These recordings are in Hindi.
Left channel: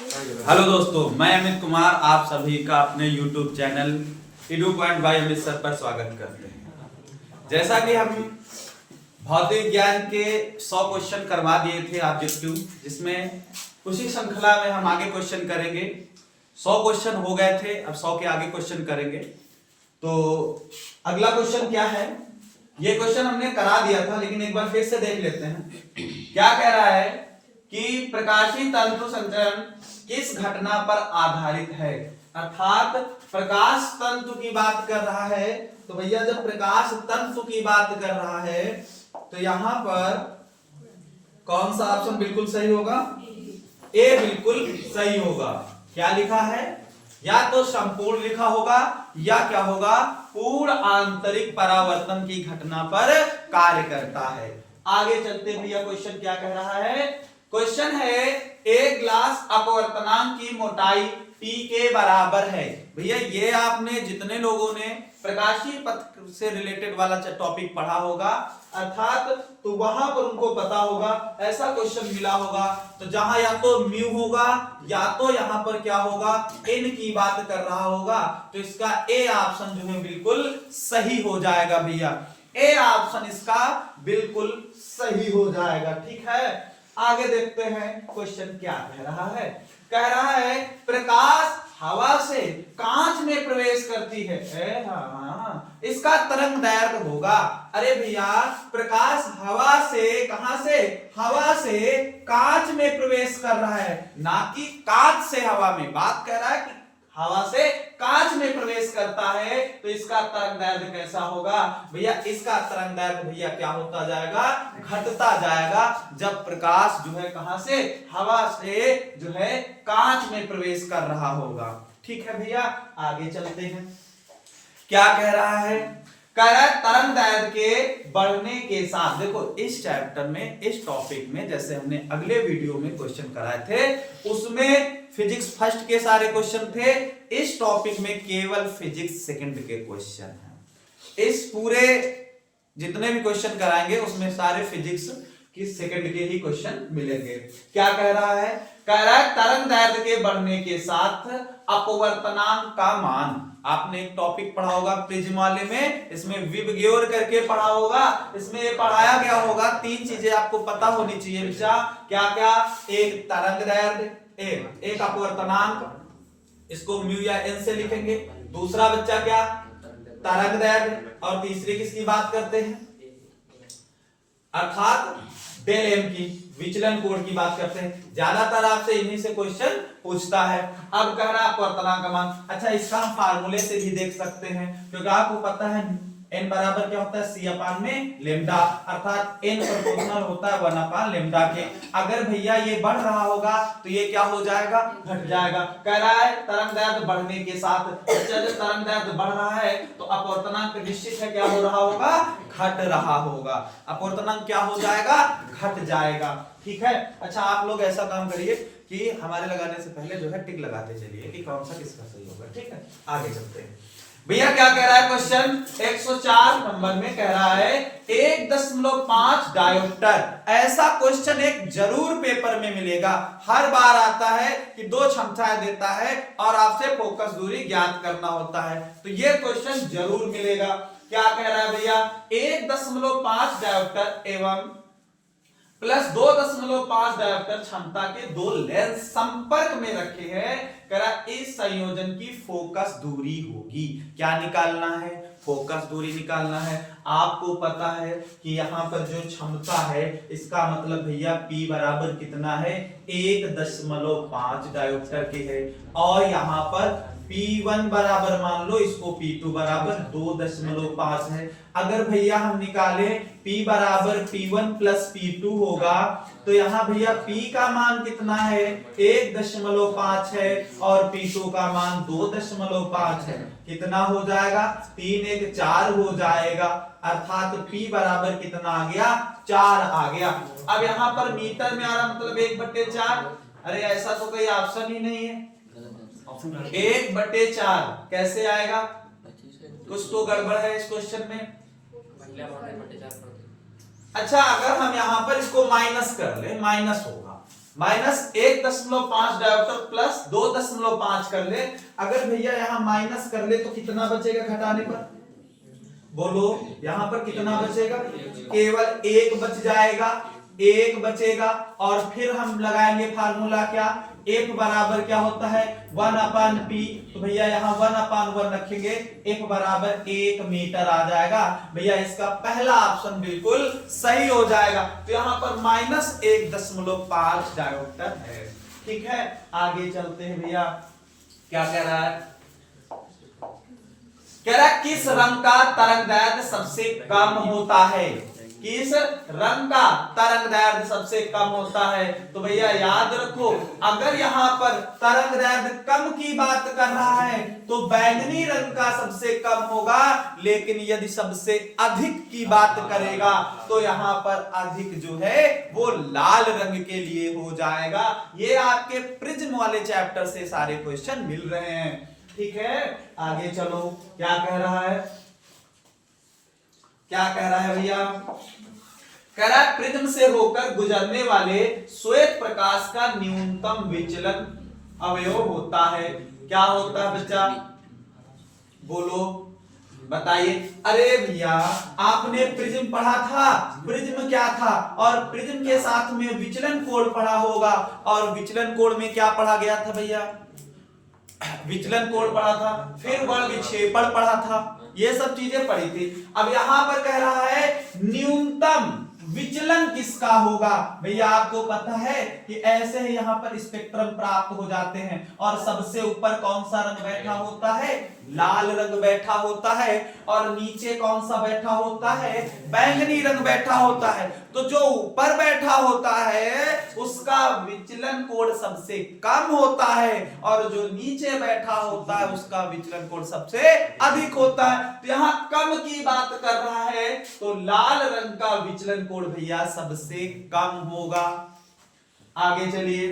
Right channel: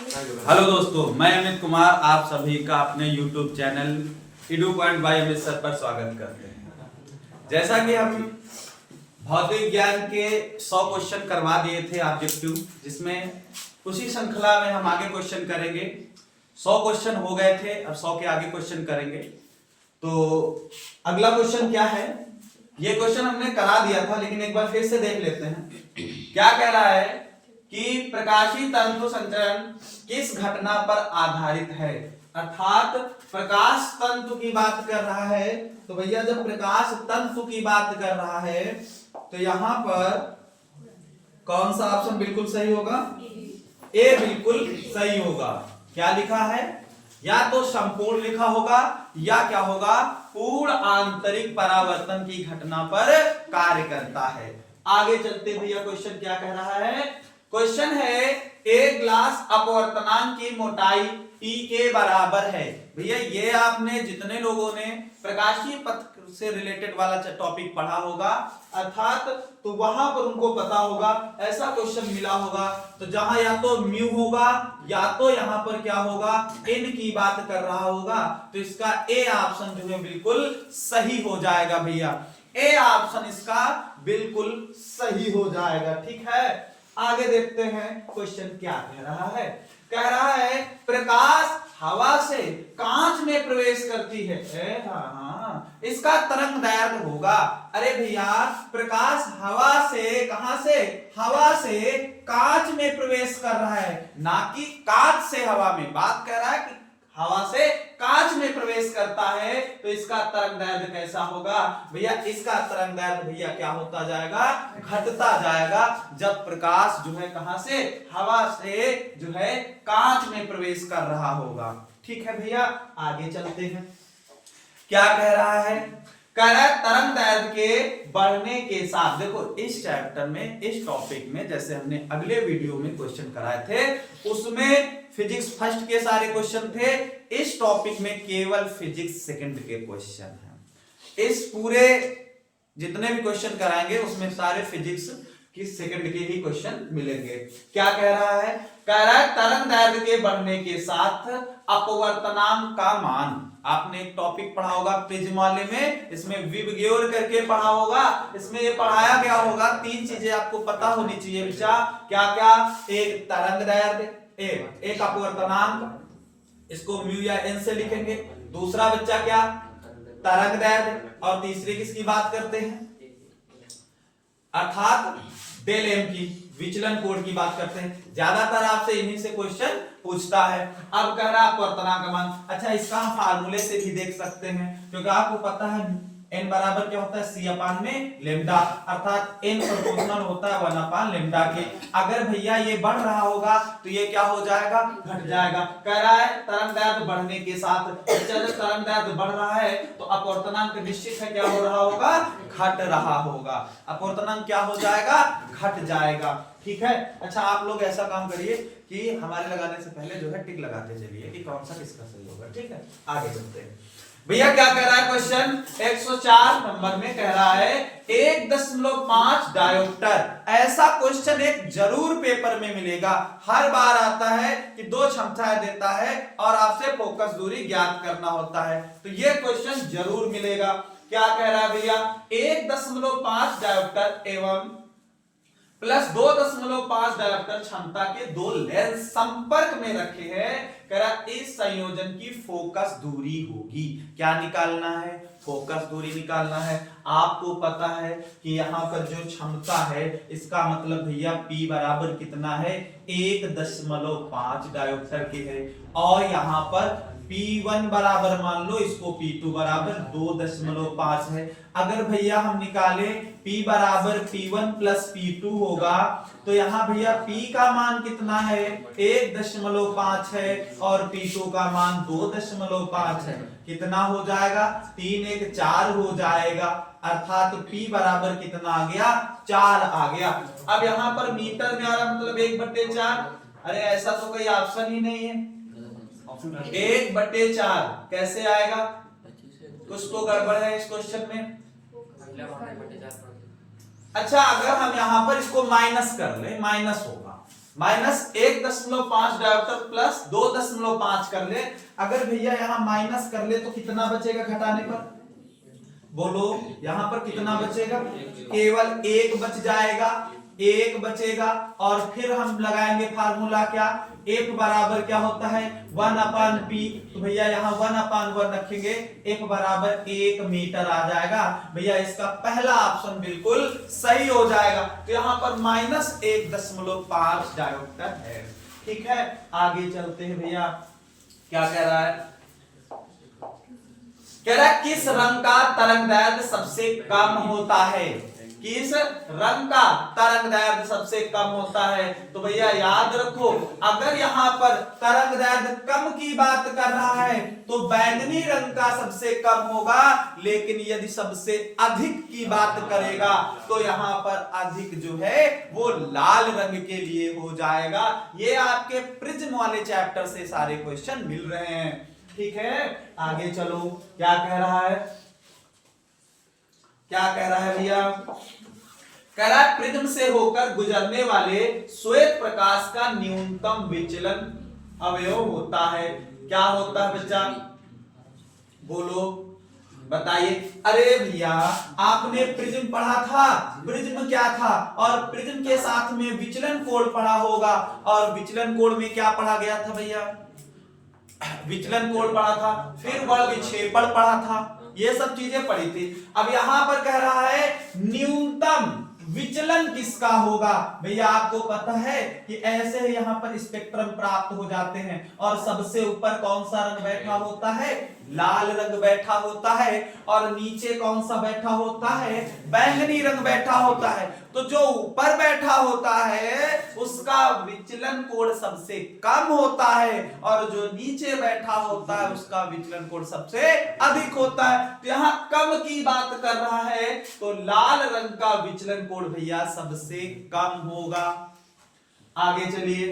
हेलो दोस्तों, मैं अमित कुमार आप सभी का अपने YouTube channel इडू point by Amit sir पर स्वागत करते हैं। जैसा कि हम भौतिक विज्ञान के 100 क्वेश्चन करवा दिए थे ऑब्जेक्टिव, जिसमें उसी श्रृंखला में हम आगे क्वेश्चन करेंगे। 100 क्वेश्चन हो गए थे, अब 100 के आगे क्वेश्चन करेंगे। तो अगला क्वेश्चन क्या है, ये क्वेश्चन हमने करा दिया था, लेकिन एक बार फिर से देख लेते हैं। क्या कह रहा है कि प्रकाशीय तंतु संचरण किस घटना पर आधारित है, अर्थात प्रकाश तंतु की बात कर रहा है। तो भैया जब प्रकाश तंतु की बात कर रहा है तो यहां पर कौन सा ऑप्शन बिल्कुल सही होगा? ए बिल्कुल सही होगा। क्या लिखा है? या तो संपूर्ण लिखा होगा या क्या होगा, पूर्ण आंतरिक परावर्तन की घटना पर कार्य करता है। आगे चलते भैया क्वेश्चन क्या कह रहा है। क्वेश्चन है एक ग्लास अपवर्तनांक की मोटाई P के बराबर है। भैया ये आपने जितने लोगों ने प्रकाशीय पथ से रिलेटेड वाला टॉपिक पढ़ा होगा, अर्थात तो वहां पर उनको पता होगा, ऐसा क्वेश्चन मिला होगा तो जहां या तो म्यू होगा या तो यहां पर क्या होगा, n की बात कर रहा होगा। तो इसका ए ऑप्शन जो है बिल्कुल सही हो जाएगा भैया। ए ऑप्शन इसका बिल्कुल सही हो जाएगा। ठीक है, आगे देखते हैं क्वेश्चन क्या कह रहा है। कह रहा है प्रकाश हवा से कांच में प्रवेश करती है। हाँ, इसका तरंग दैर्घ्य होगा। अरे भैया प्रकाश हवा से, कहां से? हवा से कांच में प्रवेश कर रहा है, ना कि कांच से हवा में। बात कर रहा है कि हवा से कांच में प्रवेश करता है, तो इसका तरंग दैर्घ्य कैसा होगा? भैया इसका तरंग दैर्घ्य भैया क्या होता जाएगा? घटता जाएगा, जब प्रकाश जो है कहां से? हवा से जो है कांच में प्रवेश कर रहा होगा। ठीक है भैया, आगे चलते हैं। क्या कह रहा है? कह रहा है तरंग दैर्घ्य के बढ़ने के साथ। देखो इस चैप्टर में, इस टॉपिक में, जैसे हमने अगले वीडियो में क्वेश्चन कराए थे, उसमें फिजिक्स फर्स्ट के सारे क्वेश्चन थे। इस टॉपिक में केवल फिजिक्स सेकंड के क्वेश्चन हैं। इस पूरे जितने भी क्वेश्चन कराएंगे उसमें सारे फिजिक्स की सेकंड के ही क्वेश्चन मिलेंगे। क्या कह रहा है? कह रहा है तरंग दैर्घ्य के बढ़ने के साथ अपवर्तनांक का मान। आपने एक टॉपिक पढ़ा होगा प्रिज्म वाले में, इसमें विबग्योर करके पढ़ा होगा, इसमें ये पढ़ाया गया होगा। 3 चीजें आपको पता होनी चाहिए बच्चा। क्या क्या? एक तरंग दैर्घ्य, एक अपवर्तनांक, इसको म्यू या एन से लिखेंगे। दूसरा बच्चा क्या? तरंग दैर्घ्य। और तीसरी किसकी बात करते हैं? अर्थात डेल एम की, विचलन कोण की बात करते हैं। ज्यादातर आपसे इन्हीं से क्वेश्चन पूछता है। अब कह रहा है अपवर्तनांक का मान। अच्छा, इसका हम फार्मूले से भी देख सकते हैं, क्योंकि आपको पता है n बराबर क्या होता है? c अपान में लेमडा, अर्थात n प्रोपोर्शनल होता है 1 अपान लेमडा के। अगर भैया ये बढ़ रहा होगा तो ये क्या हो जाएगा? घट जाएगा। कह रहा है तरंग दैर्घ्य बढ़ने के साथ। जब तरंग दैर्घ्य बढ़ रहा है तो अपवर्तनांक निश्चित है क्या हो रहा होगा? घट रहा होगा। अपवर्तनांक क्या हो जाएगा? घट जाएगा। ठीक है। अच्छा, आप लोग ऐसा काम करिए कि हमारे लगाने से पहले जो है टिक लगाते चलिए कि कौन सा किसका सही होगा। ठीक है, आगे चलते हैं। भैया क्या कह रहा है क्वेश्चन 104 नंबर में? कह रहा है 1.5 डायोप्टर। ऐसा क्वेश्चन एक जरूर पेपर में मिलेगा। हर बार आता है कि 2 क्षमताएं देता है और आपसे फोकस दूरी ज्ञात करना होता है, तो ये क्वेश्चन जरूर मिलेगा। क्या कह रहा है भैया? 1.5 डायोप्टर एवं प्लस 2.5 डायोप्टर क्षमता के 2 लेंस संपर्क में रखे हैं। करा इस संयोजन की फोकस दूरी होगी। क्या निकालना है? फोकस दूरी निकालना है। आपको पता है कि यहां पर जो क्षमता है, इसका मतलब भैया P बराबर कितना है? 1.5 डायोप्टर के है। और यहां पर P1 बराबर मान लो इसको, P2 बराबर 2.5 है। अगर भैया हम निकाले P बराबर P1 प्लस P2 होगा, तो यहाँ भैया P का मान कितना है? 1.5 है और P2 का मान 2.5 है। कितना हो जाएगा? 3 1 4 हो जाएगा, अर्थात P बराबर कितना आ गया? 4 आ गया। अब यहाँ पर मीटर में आ रहा, मतलब 1/4। अरे ऐसा तो कोई ऑप्शन ही नहीं है। 1/4 कैसे आएगा? कुछ तो गड़बड़ है इस क्वेश्चन में। अच्छा, अगर हम यहां पर इसको माइनस कर ले, माइनस होगा, -1.5 डायोप्टर प्लस 2.5 कर ले। अगर भैया यहाँ माइनस कर ले तो कितना बचेगा घटाने पर? बोलो यहां पर कितना बचेगा? केवल 1 बच जाएगा, 1 बचेगा। और फिर हम लगाएंगे फार्मूला क्या, F बराबर क्या होता है 1/P। तो भैया यहाँ 1/1 रखेंगे, F बराबर 1 मीटर आ जाएगा। भैया इसका पहला ऑप्शन बिल्कुल सही हो जाएगा। तो यहाँ पर -1.5 डायोप्टर है। ठीक है, आगे चलते हैं भैया। क्या कह रहा है? कह रहा है किस रंग का तरंगदैर्ध्य सबसे कम होता है? किस रंग का तरंगदैर्ध्य सबसे कम होता है? तो भैया याद रखो, अगर यहां पर तरंगदैर्ध्य कम की बात कर रहा है तो बैंगनी रंग का सबसे कम होगा, लेकिन यदि सबसे अधिक की बात करेगा तो यहां पर अधिक जो है वो लाल रंग के लिए हो जाएगा। ये आपके प्रिज्म वाले चैप्टर से सारे क्वेश्चन मिल रहे हैं। ठीक है, आगे चलो। क्या कह रहा है? क्या कह रहा है भैया? कह रहा है प्रिज्म से होकर गुजरने वाले श्वेत प्रकाश का न्यूनतम विचलन अवयव होता है। क्या होता है बच्चा? बोलो बताइए। अरे भैया आपने प्रिज्म पढ़ा था, प्रिज्म क्या था? और प्रिज्म के साथ में विचलन कोण पढ़ा होगा। और विचलन कोण में क्या पढ़ा गया था भैया? विचलन कोण पढ़ा था, फिर बल विक्षेपण पढ़ा था, ये सब चीजें पढ़ी थी। अब यहां पर कह रहा है न्यूनतम विचलन किसका होगा? भैया आपको पता है कि ऐसे ही यहां पर स्पेक्ट्रम प्राप्त हो जाते हैं। और सबसे ऊपर कौन सा रंग बैठा होता है? लाल रंग बैठा होता है। और नीचे कौन सा बैठा होता है? बैंगनी रंग बैठा होता है। तो जो ऊपर बैठा होता है उसका विचलन कोण सबसे कम होता है, और जो नीचे बैठा होता है उसका विचलन कोण सबसे अधिक होता है। तो यहां कम की बात कर रहा है तो लाल रंग का विचलन कोण भैया सबसे कम होगा। आगे चलिए,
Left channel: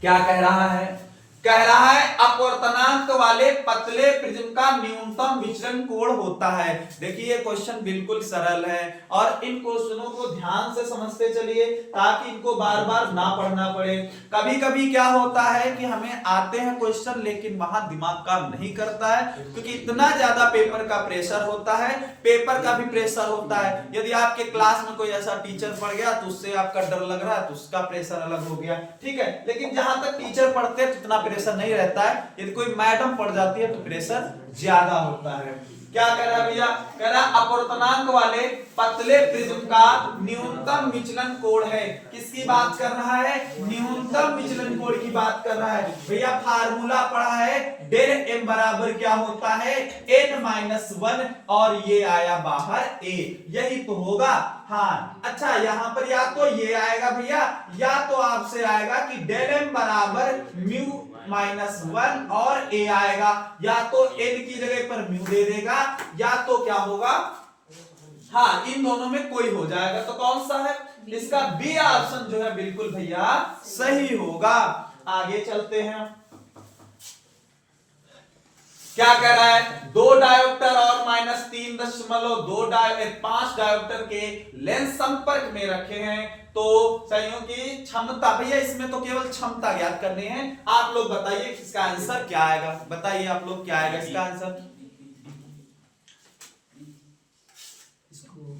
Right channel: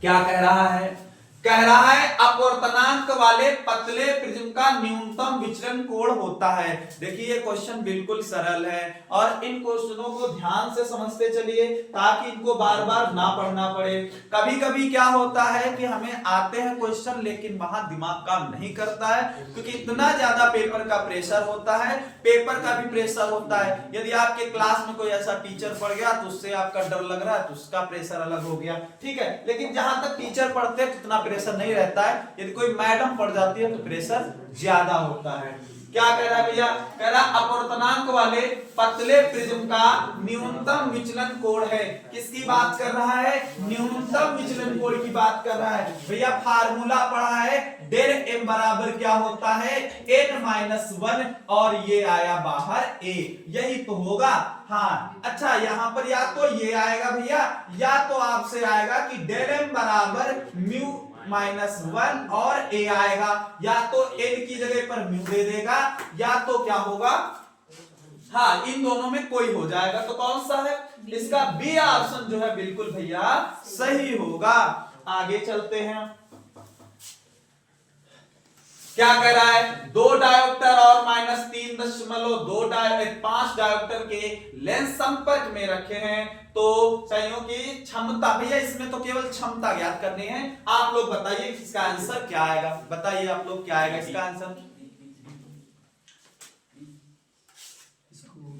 क्या कह रहा है? कह रहा है अपवर्तनांक वाले पतले प्रिज्म का न्यूनतम विचलन कोण होता है। देखिए क्वेश्चन बिल्कुल सरल है, और इन क्वेश्चनों को ध्यान से समझते चलिए ताकि इनको बार बार ना पढ़ना पड़े। कभी कभी क्या होता है कि हमें आते हैं क्वेश्चन लेकिन वहां दिमाग काम नहीं करता है, क्योंकि इतना ज्यादा पेपर का प्रेशर होता है, पेपर का भी प्रेशर होता है। यदि आपके क्लास में कोई ऐसा टीचर पढ़ गया तो उससे आपका डर लग रहा है तो उसका प्रेशर अलग हो गया। ठीक है, लेकिन जहां तक टीचर पढ़ते हैं इतना प्रेशर नहीं रहता है। यदि कोई मैडम पढ़ जाती है तो प्रेशर ज्यादा होता है। क्या कह रहा है भैया? कह रहा अपवर्तनांक वाले पतले प्रिज्म का न्यूनतम विचलन कोण है। किसकी बात कर रहा है? न्यूनतम विचलन कोण की बात कर रहा है। भैया फार्मूला पढ़ा है, डेल m बराबर क्या होता है? n-1, और ये आया बाहर a, यही तो होगा। हाँ अच्छा, यहाँ पर या तो ये आएगा भैया, या तो आपसे आएगा कि डेल m बराबर म्यू -1 और a आएगा, या तो n की जगह पर म्यू दे देगा, या तो क्या होगा, हाँ इन दोनों में कोई हो जाएगा। तो कौन सा है? इसका बी ऑप्शन जो है बिल्कुल भैया सही होगा। आगे चलते हैं। क्या कह रहा है? 2 डायोप्टर और -3.5 डायोप्टर के लेंस संपर्क में रखे हैं तो संयोग की क्षमता, भैया इसमें तो केवल क्षमता ज्ञात करनी है। आप लोग बताइए इसका आंसर क्या आएगा? बताइए आप लोग क्या आएगा इसका आंसर?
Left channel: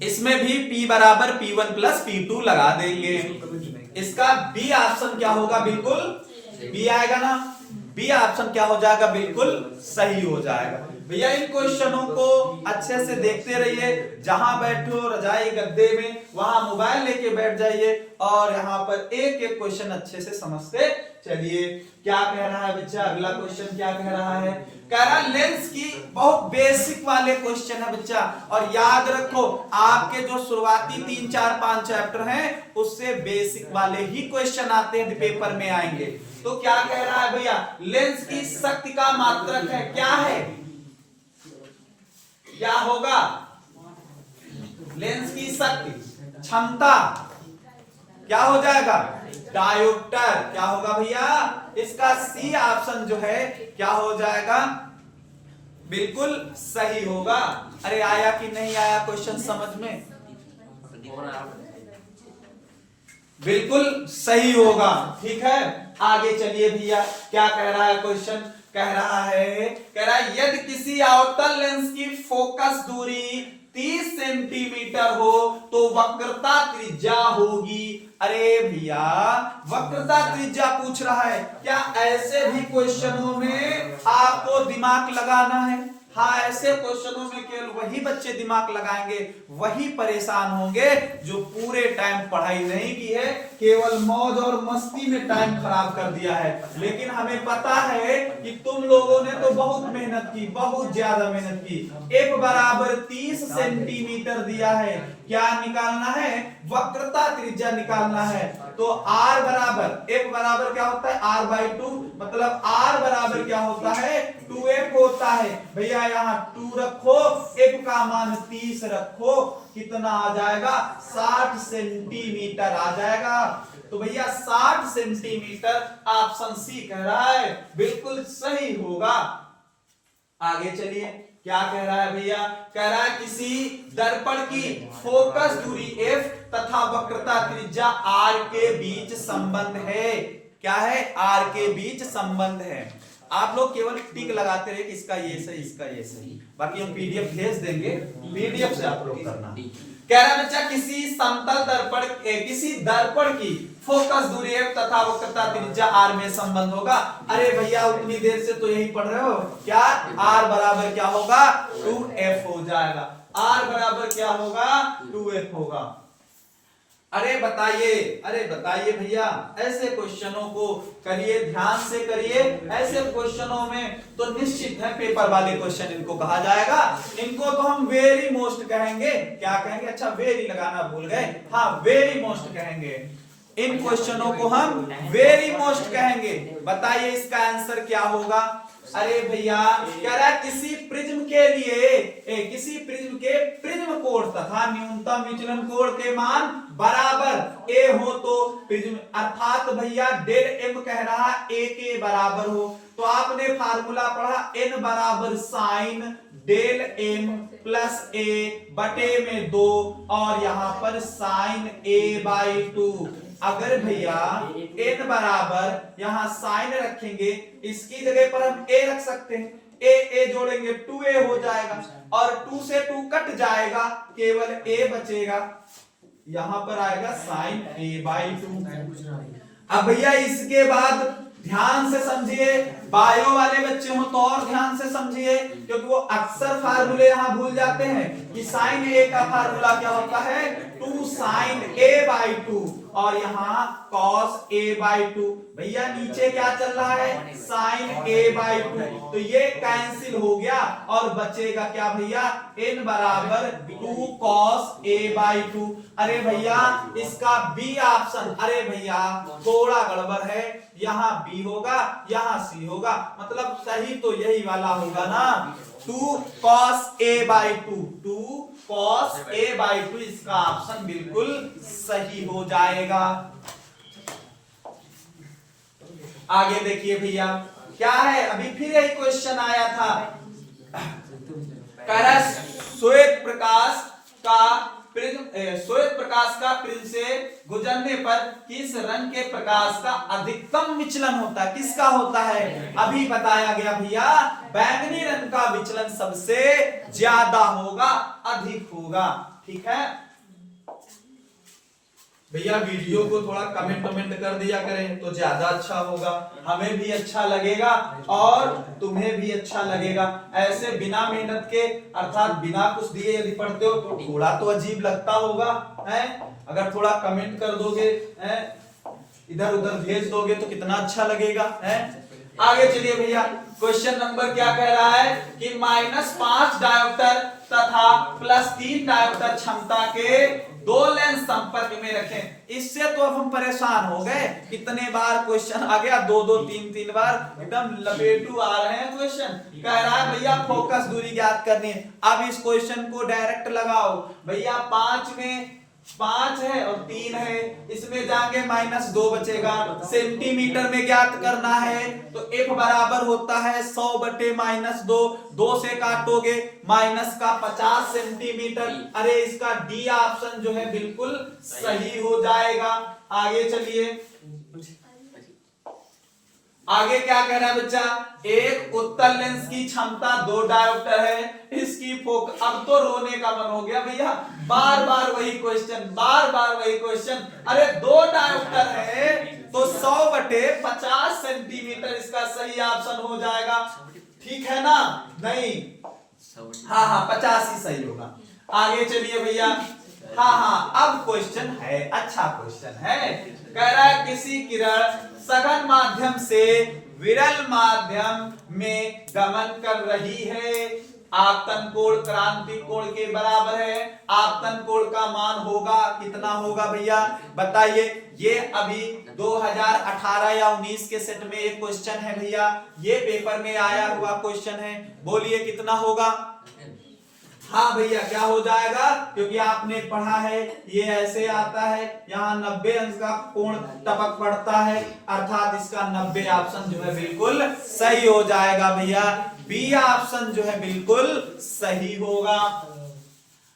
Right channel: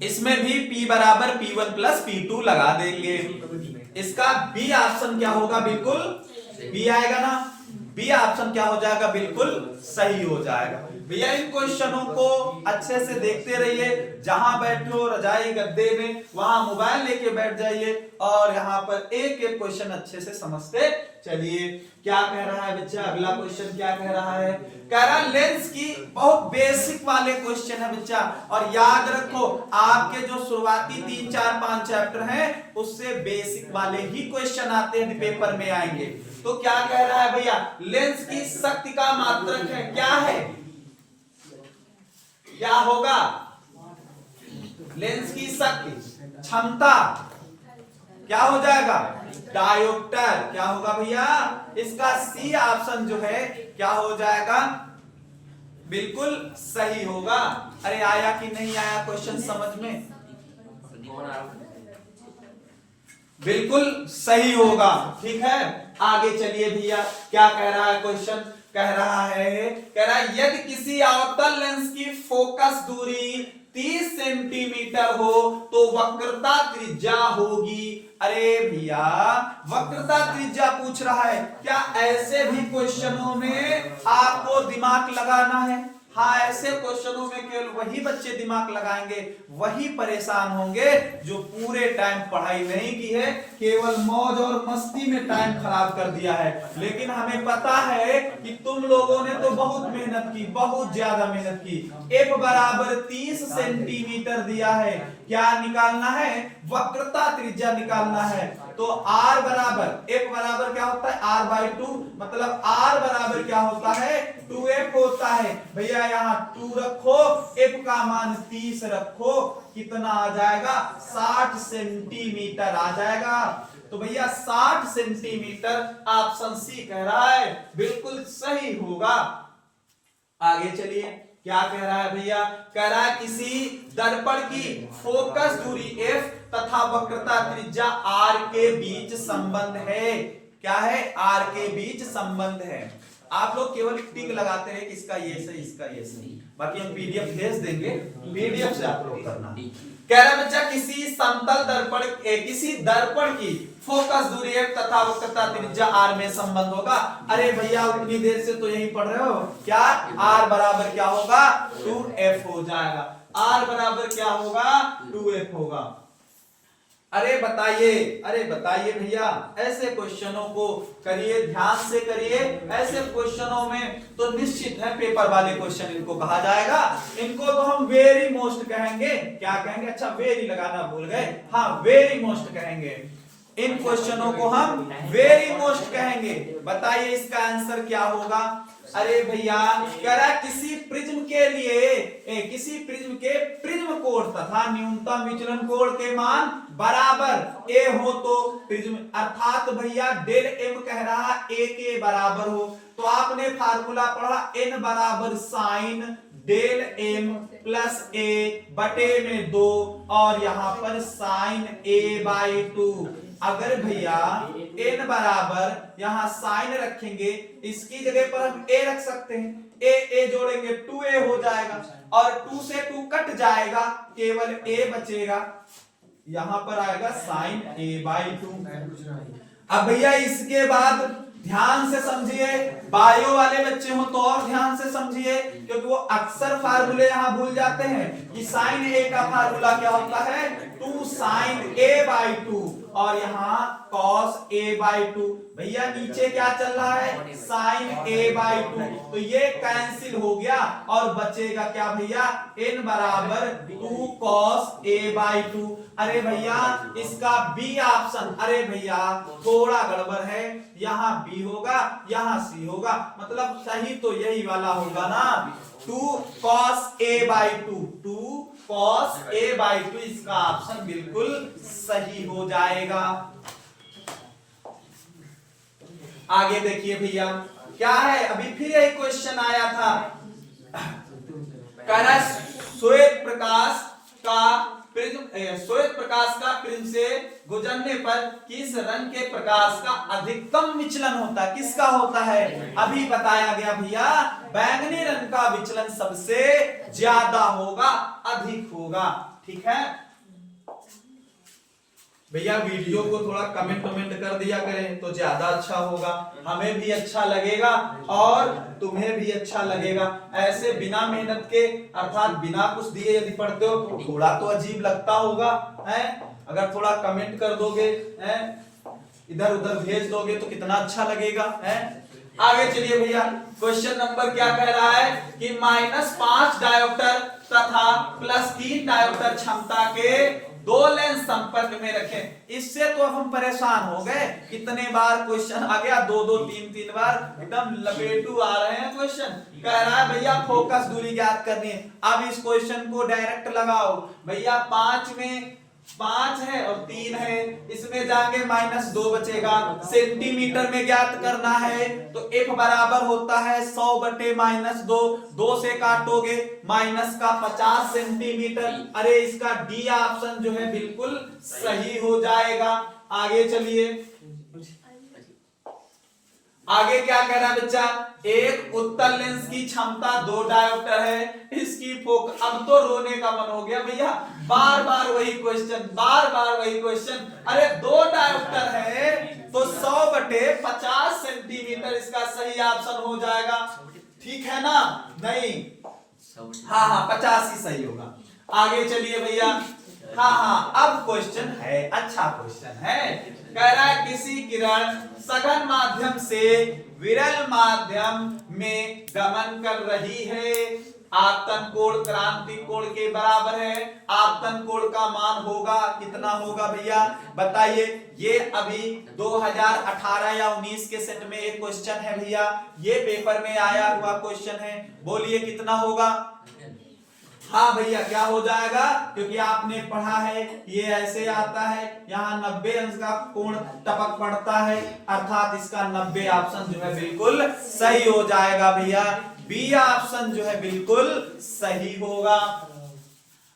इसमें भी P बराबर P1 प्लस P2 लगा देंगे। इसका बी ऑप्शन क्या होगा? बिल्कुल बी आएगा ना। बी ऑप्शन क्या हो जाएगा? बिल्कुल सही हो जाएगा। भैया इन क्वेश्चनों को अच्छे से देखते रहिए, जहां बैठे हो रजाई गद्दे में वहां मोबाइल लेके बैठ जाइए और यहाँ पर एक एक क्वेश्चन अच्छे से समझते चलिए। क्या कह रहा है बच्चा? अगला क्वेश्चन क्या कह रहा है? कह रहा है लेंस की बहुत बेसिक वाले क्वेश्चन है बच्चा, और याद रखो आपके जो शुरुआती 3, 4, 5 चैप्टर हैं उससे बेसिक वाले ही क्वेश्चन आते हैं, पेपर में आएंगे। तो क्या कह रहा है भैया? लेंस की शक्ति का मात्रक है, क्या है? क्या होगा? लेंस की शक्ति, क्षमता क्या हो जाएगा? डायोप्टर। क्या होगा भैया? इसका सी ऑप्शन जो है क्या हो जाएगा? बिल्कुल सही होगा। अरे आया कि नहीं आया क्वेश्चन समझ में? बिल्कुल सही होगा। ठीक है, आगे चलिए भैया, क्या कह रहा है क्वेश्चन? कह रहा है यदि किसी अवतल लेंस की फोकस दूरी 30 सेंटीमीटर हो तो वक्रता त्रिज्या होगी। अरे भैया, वक्रता त्रिज्या पूछ रहा है, क्या ऐसे भी क्वेश्चनों में आपको दिमाग लगाना है? हाँ, ऐसे क्वेश्चनों में केवल वही बच्चे दिमाग लगाएंगे, वही परेशान होंगे जो पूरे टाइम पढ़ाई नहीं की है, केवल मौज और मस्ती में टाइम खराब कर दिया है। लेकिन हमें पता है कि तुम लोगों ने तो बहुत मेहनत की, बहुत ज्यादा मेहनत की। एफ बराबर 30 सेंटीमीटर दिया है, क्या निकालना है? वक्रता त्रिज्या निकालना है। तो r बराबर f बराबर क्या होता है? r/2, मतलब r बराबर क्या होता है? 2f होता है। भैया यहाँ 2 रखो, f का मान 30 रखो, कितना आ जाएगा? 60 सेंटीमीटर आ जाएगा। तो भैया 60 सेंटीमीटर ऑप्शन सी कह रहा है, बिल्कुल सही होगा। आगे चलिए, क्या कह रहा है भैया? कह रहा है किसी दर्पण की फोकस दूरी f तथा वक्रता त्रिज्या r के बीच संबंध है। क्या है? r के बीच संबंध है। आप लोग केवल टिक लगाते रहे कि इसका ये सही, इसका ये सही, बाकी हम पीडीएफ भेज देंगे, पीडीएफ से आप लोग करना। कह रहा बच्चा किसी समतल दर्पण किसी दर्पण की फोकस दूरी f तथा वक्रता त्रिज्या r में संबंध होगा। अरे भैया, उतनी देर से तो यही पढ़ रहे हो, क्या r बराबर क्या होगा? 2f हो जाएगा। r बराबर क्या होगा? 2f होगा। अरे बताइए भैया, ऐसे क्वेश्चनों को करिए, ध्यान से करिए। ऐसे क्वेश्चनों में तो निश्चित है पेपर वाले क्वेश्चन इनको कहा जाएगा। इनको तो हम वेरी मोस्ट कहेंगे। क्या कहेंगे? अच्छा, वेरी लगाना भूल गए, हाँ वेरी मोस्ट कहेंगे। इन क्वेश्चनों को हम वेरी मोस्ट कहेंगे। बताइए इसका आंसर क्या होगा? अरे भैया, कह रहा है किसी प्रिज्म के लिए किसी प्रिज्म के प्रिज्म कोण तथा न्यूनतम विचलन कोण के मान बराबर ए हो तो प्रिज्म, अर्थात भैया डेल एम कह रहा ए के बराबर हो, तो आपने फार्मूला पढ़ा n बराबर साइन डेल एम प्लस ए बटे में 2 और यहां पर साइन a/2। अगर भैया n बराबर यहां साइन रखेंगे, इसकी जगह पर हम a रख सकते हैं, a जोड़ेंगे 2a हो जाएगा, और 2 से 2 कट जाएगा, केवल a बचेगा, यहां पर आएगा साइन a/2। अब भैया इसके बाद ध्यान से समझिए, बायो वाले बच्चे हो तो और ध्यान से समझिए, क्योंकि वो अक्सर फार्मूले यहां भूल जाते हैं कि साइन ए का फार्मूला क्या होता है? 2 साइन a/2 और यहाँ cos a/2। भैया नीचे क्या चल रहा है? साइन a/2, तो ये कैंसिल हो गया और बचेगा क्या भैया? n बराबर 2 cos a/2। अरे भैया इसका बी ऑप्शन, अरे भैया थोड़ा गड़बड़ है, यहाँ बी होगा, यहाँ सी होगा, मतलब सही तो यही वाला होगा ना, 2 cos a/2, 2 cos a/2 इसका ऑप्शन बिल्कुल सही हो जाएगा। आगे देखिए भैया, क्या है? अभी फिर यही क्वेश्चन आया था, कह रहा श्वेत प्रकाश का प्रिज्म से गुजरने पर किस रंग के प्रकाश का अधिकतम विचलन होता है? किसका होता है? अभी बताया गया भैया, बैंगनी रंग का विचलन सबसे ज्यादा होगा, अधिक होगा। ठीक है भैया, वीडियो को थोड़ा कमेंट कर दिया करें तो ज्यादा अच्छा होगा, हमें भी अच्छा लगेगा और तुम्हें भी अच्छा लगेगा। ऐसे बिना मेहनत के, अर्थात बिना कुछ दिए यदि पढ़ते हो तो थोड़ा तो अजीब लगता होगा, है? अगर थोड़ा कमेंट कर दोगे, है, इधर उधर भेज दोगे तो कितना अच्छा लगेगा, है? आगे चलिए भैया, क्वेश्चन नंबर क्या कह रहा है कि -5 डायोप्टर तथा +3 डायोप्टर क्षमता के 2 लेंस संपर्क में रखें। इससे तो हम परेशान हो गए, कितने बार क्वेश्चन आ गया, 2 3 बार, एकदम लपेटू आ रहे हैं क्वेश्चन। कह रहा है भैया फोकस दूरी ज्ञात करनी है। अब इस क्वेश्चन को डायरेक्ट लगाओ भैया, 5 में 5 है और 3 है, इसमें जाके -2 बचेगा। सेंटीमीटर में ज्ञात करना है तो F बराबर होता है 100 बटे -2, 2 से काटोगे माइनस का 50 सेंटीमीटर। अरे इसका डी ऑप्शन जो है बिल्कुल सही हो जाएगा। आगे चलिए, आगे क्या कह रहा है बच्चा, एक उत्तल लेंस की क्षमता 2 डायोप्टर है, इसकी फोकस। अब तो रोने का मन हो गया भैया, बार बार वही क्वेश्चन, बार बार वही क्वेश्चन। अरे 2 डायोप्टर है तो 100 बटे 50 सेंटीमीटर इसका सही ऑप्शन हो जाएगा। ठीक है ना? नहीं, हाँ 50 ही सही होगा। आगे चलिए भैया, हाँ अब क्वेश्चन है, अच्छा क्वेश्चन है। कह रहा है किसी किरण सघन माध्यम से विरल माध्यम में गमन कर रही है, आपतन कोण क्रांतिक कोण के बराबर है। आपतन कोण का मान होगा कितना होगा भैया बताइए। ये अभी 2018 या 19 के सेट में एक क्वेश्चन है भैया, ये पेपर में आया हुआ क्वेश्चन है। बोलिए कितना होगा? हाँ भैया क्या हो जाएगा, क्योंकि आपने पढ़ा है ये ऐसे आता है, यहाँ 90 अंश का कोण टपक पड़ता है, अर्थात इसका 90 ऑप्शन जो है बिल्कुल सही हो जाएगा भैया। बी ऑप्शन जो है बिल्कुल सही होगा।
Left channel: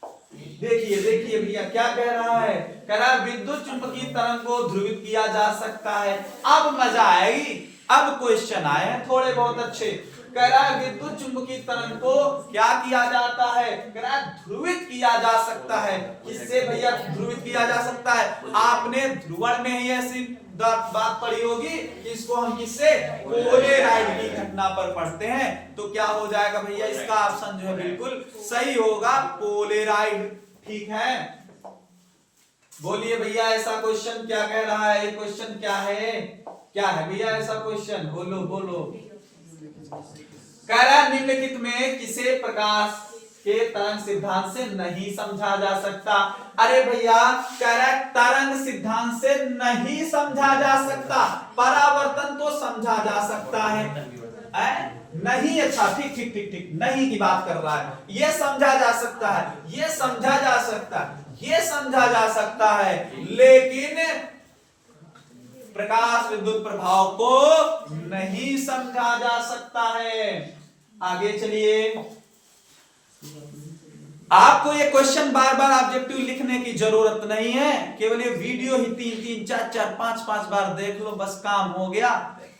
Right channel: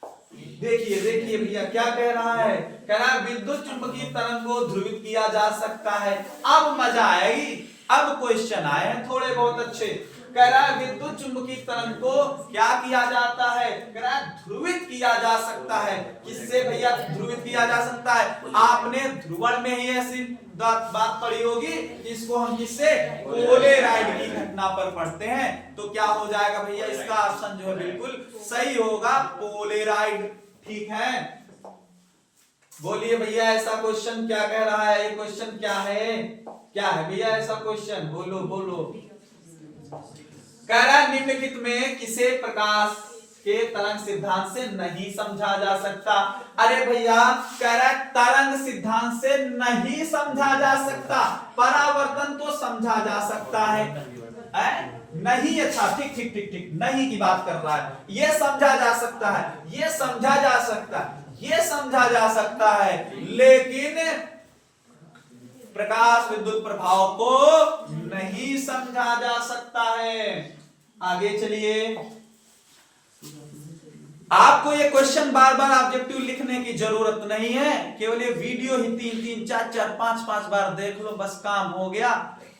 देखिए देखिए भैया क्या कह रहा है, कह रहा है विद्युत चुंबकीय तरंग को ध्रुवित किया जा सकता है। अब मजा आएगी, अब क्वेश्चन आए हैं थोड़े बहुत अच्छे। कह रहा है विद्युत चुंबकीय तरंग को क्या किया जाता है, कह रहा है ध्रुवित किया जा सकता है। किससे भैया ध्रुवित किया जा सकता है? आपने ध्रुवण में ही ऐसी बात पढ़ी होगी कि इसको हम किससे, पोलेराइड की घटना पर पढ़ते हैं। तो क्या हो जाएगा भैया, इसका ऑप्शन जो है बिल्कुल सही होगा, पोलेराइड। ठीक है, बोलिए भैया ऐसा क्वेश्चन क्या कह रहा है, क्वेश्चन क्या है, क्या है भैया ऐसा क्वेश्चन, बोलो बोलो। कह रहा है निम्नलिखित में किसे प्रकाश के तरंग सिद्धांत से नहीं समझा जा सकता। अरे भैया कह रहा है तरंग सिद्धांत से नहीं समझा जा सकता, परावर्तन तो समझा जा सकता है। नहीं, अच्छा ठीक ठीक ठीक ठीक, नहीं की बात कर रहा है। ये समझा जा सकता है, ये समझा जा सकता है, ये समझा जा सकता है, लेकिन प्रकाश विद्युत प्रभाव को नहीं समझा जा सकता है। आगे चलिए, आपको ये क्वेश्चन बार बार ऑब्जेक्टिव लिखने की जरूरत नहीं है, केवल ये वीडियो ही 3-3, 4-4, 5-5 बार देख लो, बस काम हो गया,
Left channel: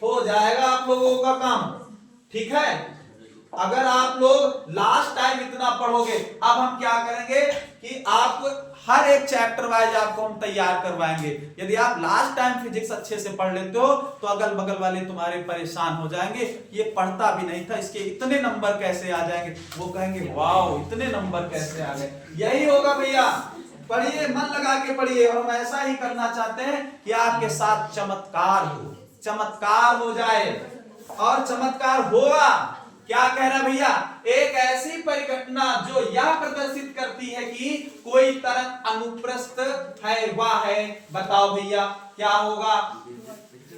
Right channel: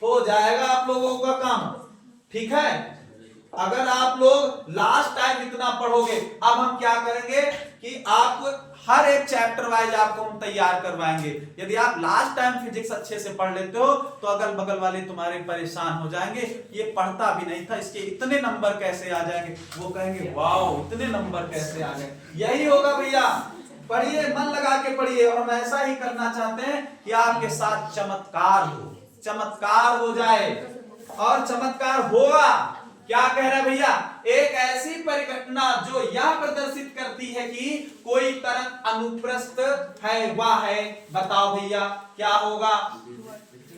हो जाएगा आप लोगों का काम। ठीक है, अगर आप लोग लास्ट टाइम इतना पढ़ोगे, अब हम क्या करेंगे कि आपको हर एक चैप्टर वाइज आपको हम तैयार करवाएंगे। यदि आप लास्ट टाइम फिजिक्स अच्छे से पढ़ लेते हो तो अगल बगल वाले तुम्हारे परेशान हो जाएंगे, ये पढ़ता भी नहीं था, इसके इतने नंबर कैसे आ जाएंगे, वो कहेंगे वाओ इतने नंबर कैसे आ गए। यही होगा भैया, पढ़िए, मन लगा के पढ़िए, और हम ऐसा ही करना चाहते हैं कि आपके साथ चमत्कार हो, चमत्कार हो जाए, और चमत्कार होगा। क्या कह रहा है भैया, एक ऐसी परिघटना जो यह प्रदर्शित करती है कि कोई तरंग अनुप्रस्थ है, वह है, बताओ भैया क्या होगा।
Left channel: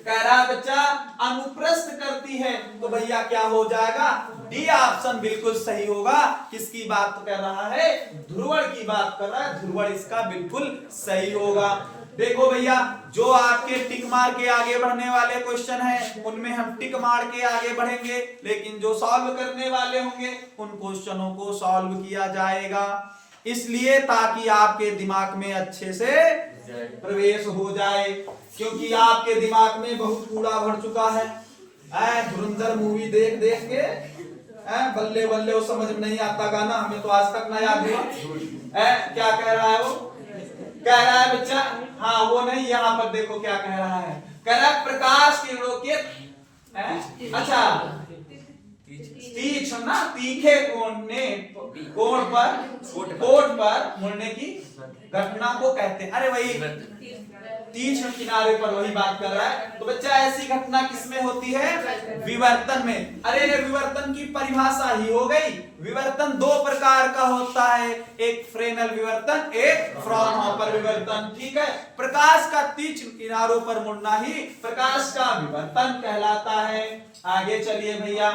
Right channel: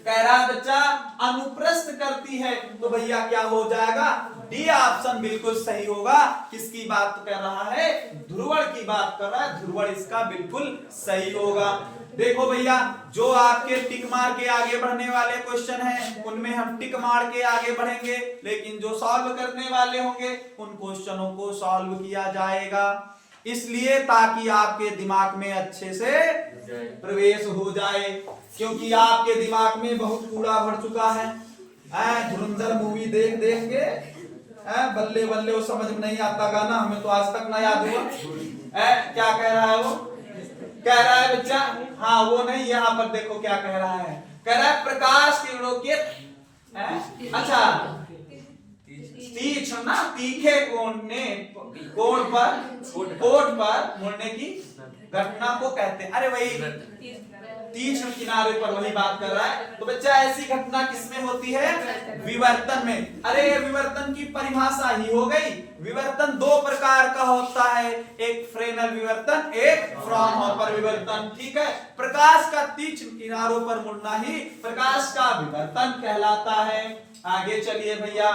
कह रहा है बच्चा अनुप्रस्थ करती है, तो भैया क्या हो जाएगा, डी ऑप्शन बिल्कुल सही होगा। किसकी बात कर रहा है, ध्रुवण की बात कर रहा है, ध्रुवण इसका बिल्कुल सही होगा। देखो भैया, जो आपके टिक मार के आगे बढ़ने वाले क्वेश्चन हैं उनमें हम टिक मार के आगे बढ़ेंगे, लेकिन जो सॉल्व करने वाले होंगे उन क्वेश्चनों को सॉल्व किया जाएगा, इसलिए ताकि आपके दिमाग में अच्छे से प्रवेश हो जाए, क्योंकि आपके दिमाग में बहुत कूड़ा भर चुका है। धुरंधर मूवी देख देख के बल्ले बल्ले, वो समझ में नहीं आता गाना, हमें तो आज तक ना याद हुआ। क्या कह रहा है वो, कह रहा है बच्चा, हाँ वो नहीं, यहाँ पर देखो क्या कह रहा है, कह रहा है प्रकाश किरणों के अच्छा तीक्ष्ण ना तीखे कोण पर मुड़ने की घटना को कहते हैं। अरे वही तीक्ष्ण किनारे पर वही बात कर रहा है। तो बच्चा ऐसी घटना किसमें होती है, विवर्तन में। अरे ये विवर्तन की परिभाषा ही हो गई। विवर्तन 2 प्रकार का होता है, एक फ्रेनेल विवर्तन, एक फ्रॉनहोफर विवर्तन। ठीक है, प्रकाश का तीक्ष्ण किनारों पर मुड़ना ही प्रकाश का विवर्तन कहलाता है। आगे चलिए भैया,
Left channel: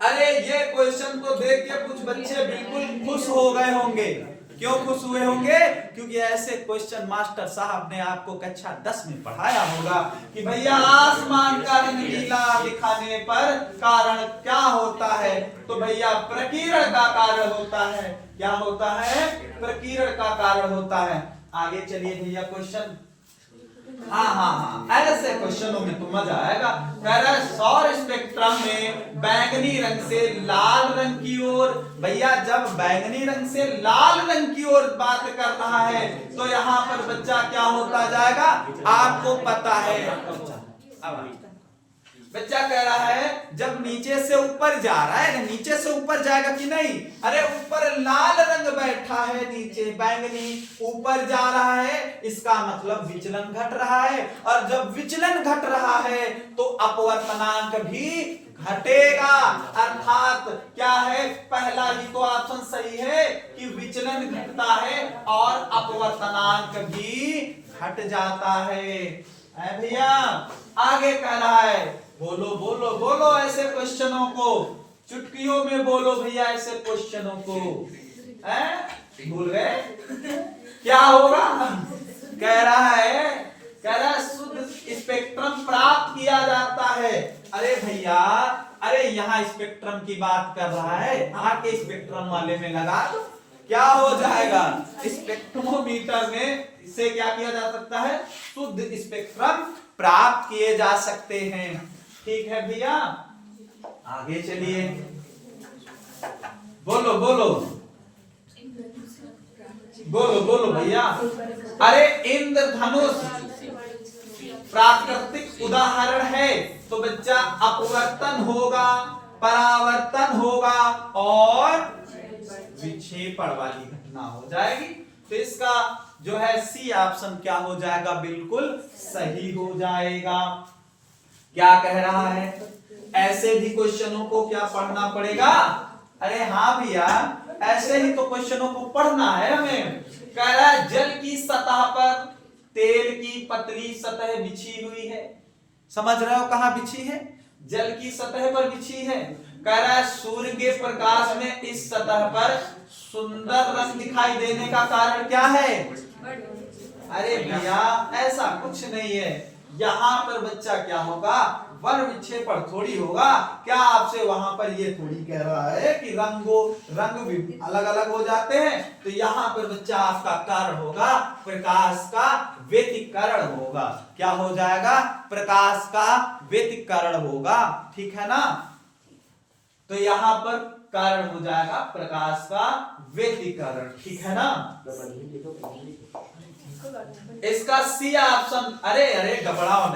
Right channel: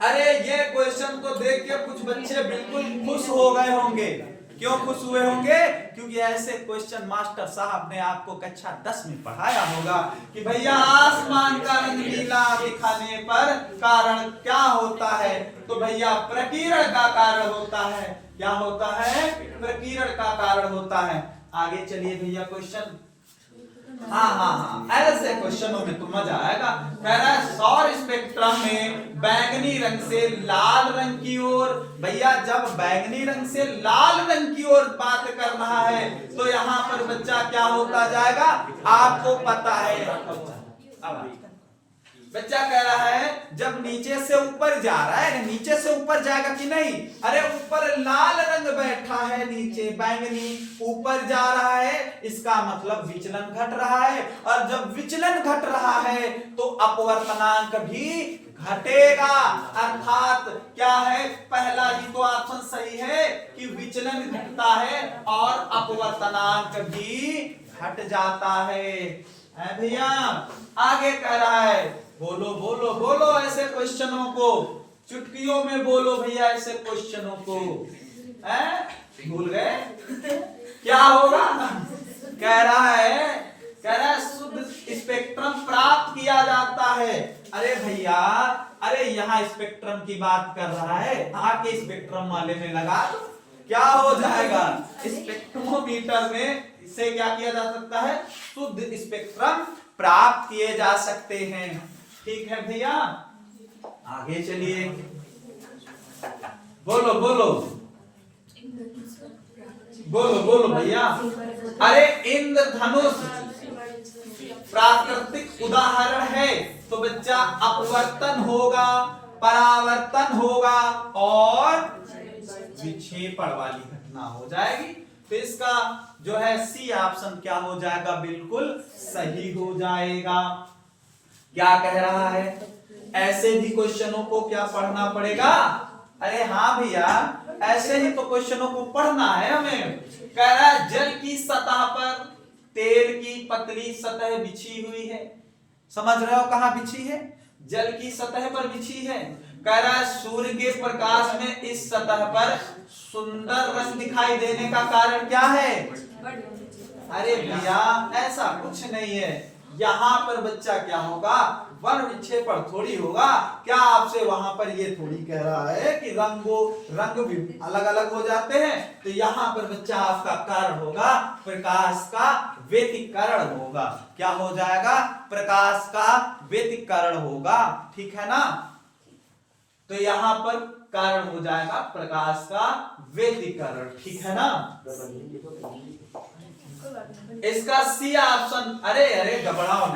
अरे ये क्वेश्चन को देख के कुछ बच्चे बिल्कुल खुश हो गए होंगे, क्यों खुश हुए होंगे? क्योंकि ऐसे क्वेश्चन मास्टर साहब ने आपको कक्षा 10 में पढ़ाया होगा कि भैया आसमान का रंग नीला दिखाने पर कारण क्या होता है? तो भैया प्रकीर्ण का कारण होता है। क्या होता है? प्रकीर्ण का कारण होता है। आगे चलिए भैया क्वेश्चन। हाँ, ऐसे क्वेश्चनों में तो मजा आएगा। कह रहा है सौर स्पेक्ट्रम में बैंगनी रंग से लाल रंग की ओर। भैया जब बैंगनी रंग से लाल रंग की ओर बात कर रहा है तो यहाँ पर बच्चा क्या होता जाएगा? आपको पता है। बच्चा कह रहा है जब नीचे से ऊपर जा रहा है, नीचे से ऊपर जाएगा कि नहीं? अरे ऊपर लाल रंग बैठा है, नीचे बैंगनी, ऊपर जा रहा है, इसका मतलब विचलन घट रहा है। और जब विचलन घट रहा है तो अपवर्तनांक भी घटेगा। अर्थात क्या है? पहला ही तो ऑप्शन सही है कि विचलन घटता है और अपवर्तनांक भी घट जाता है भैया। आगे कह रहा है, बोलो बोलो बोलो ऐसे क्वेश्चनों को, चुटकियों में बोलो भैया ऐसे क्वेश्चनों को। भूल गए? क्या होगा? कह रहा है शुद्ध स्पेक्ट्रम प्राप्त किया जाता है। अरे भैया, अरे यहाँ स्पेक्ट्रम की बात कर रहा है, आके स्पेक्ट्रम वाले में लगा दो, क्या हो जाएगा? स्पेक्ट्रोमीटर में इससे क्या किया जा सकता है? शुद्ध स्पेक्ट्रम प्राप्त किए जा सकते हैं। ठीक है भैया, आगे चलिए। बोलो बोलो बोलो बोलो भैया। अरे इंद्रधनुष प्राकृतिक उदाहरण है, तो बच्चा अपवर्तन होगा, परावर्तन होगा और विक्षेपण वाली घटना हो जाएगी। तो इसका जो है सी ऑप्शन क्या हो जाएगा? बिल्कुल सही हो जाएगा। क्या कह रहा है? ऐसे भी क्वेश्चनों को क्या पढ़ना पड़ेगा? अरे हाँ भैया, ऐसे ही तो क्वेश्चनों को पढ़ना है हमें। कह रहा है जल की सतह पर तेल की पतली सतह बिछी हुई है। समझ रहे हो कहां बिछी है? जल की सतह पर बिछी है। कह रहा है सूर्य के प्रकाश में इस सतह पर सुंदर रंग दिखाई देने का कारण क्या है? अरे भैया ऐसा कुछ नहीं है। यहाँ पर बच्चा क्या होगा? वन विक्षेपण थोड़ी होगा। क्या आपसे वहां पर ये थोड़ी कह रहा है कि रंग भी अलग अलग हो जाते हैं? तो यहाँ पर बच्चा आपका कारण होगा प्रकाश का व्यतिकरण होगा। क्या हो जाएगा? प्रकाश का व्यतिकरण होगा। ठीक है ना? तो यहाँ पर कारण हो जाएगा प्रकाश का व्यतिकरण। ठीक है ना? इसका सी ऑप्शन। अरे अरे घबराओ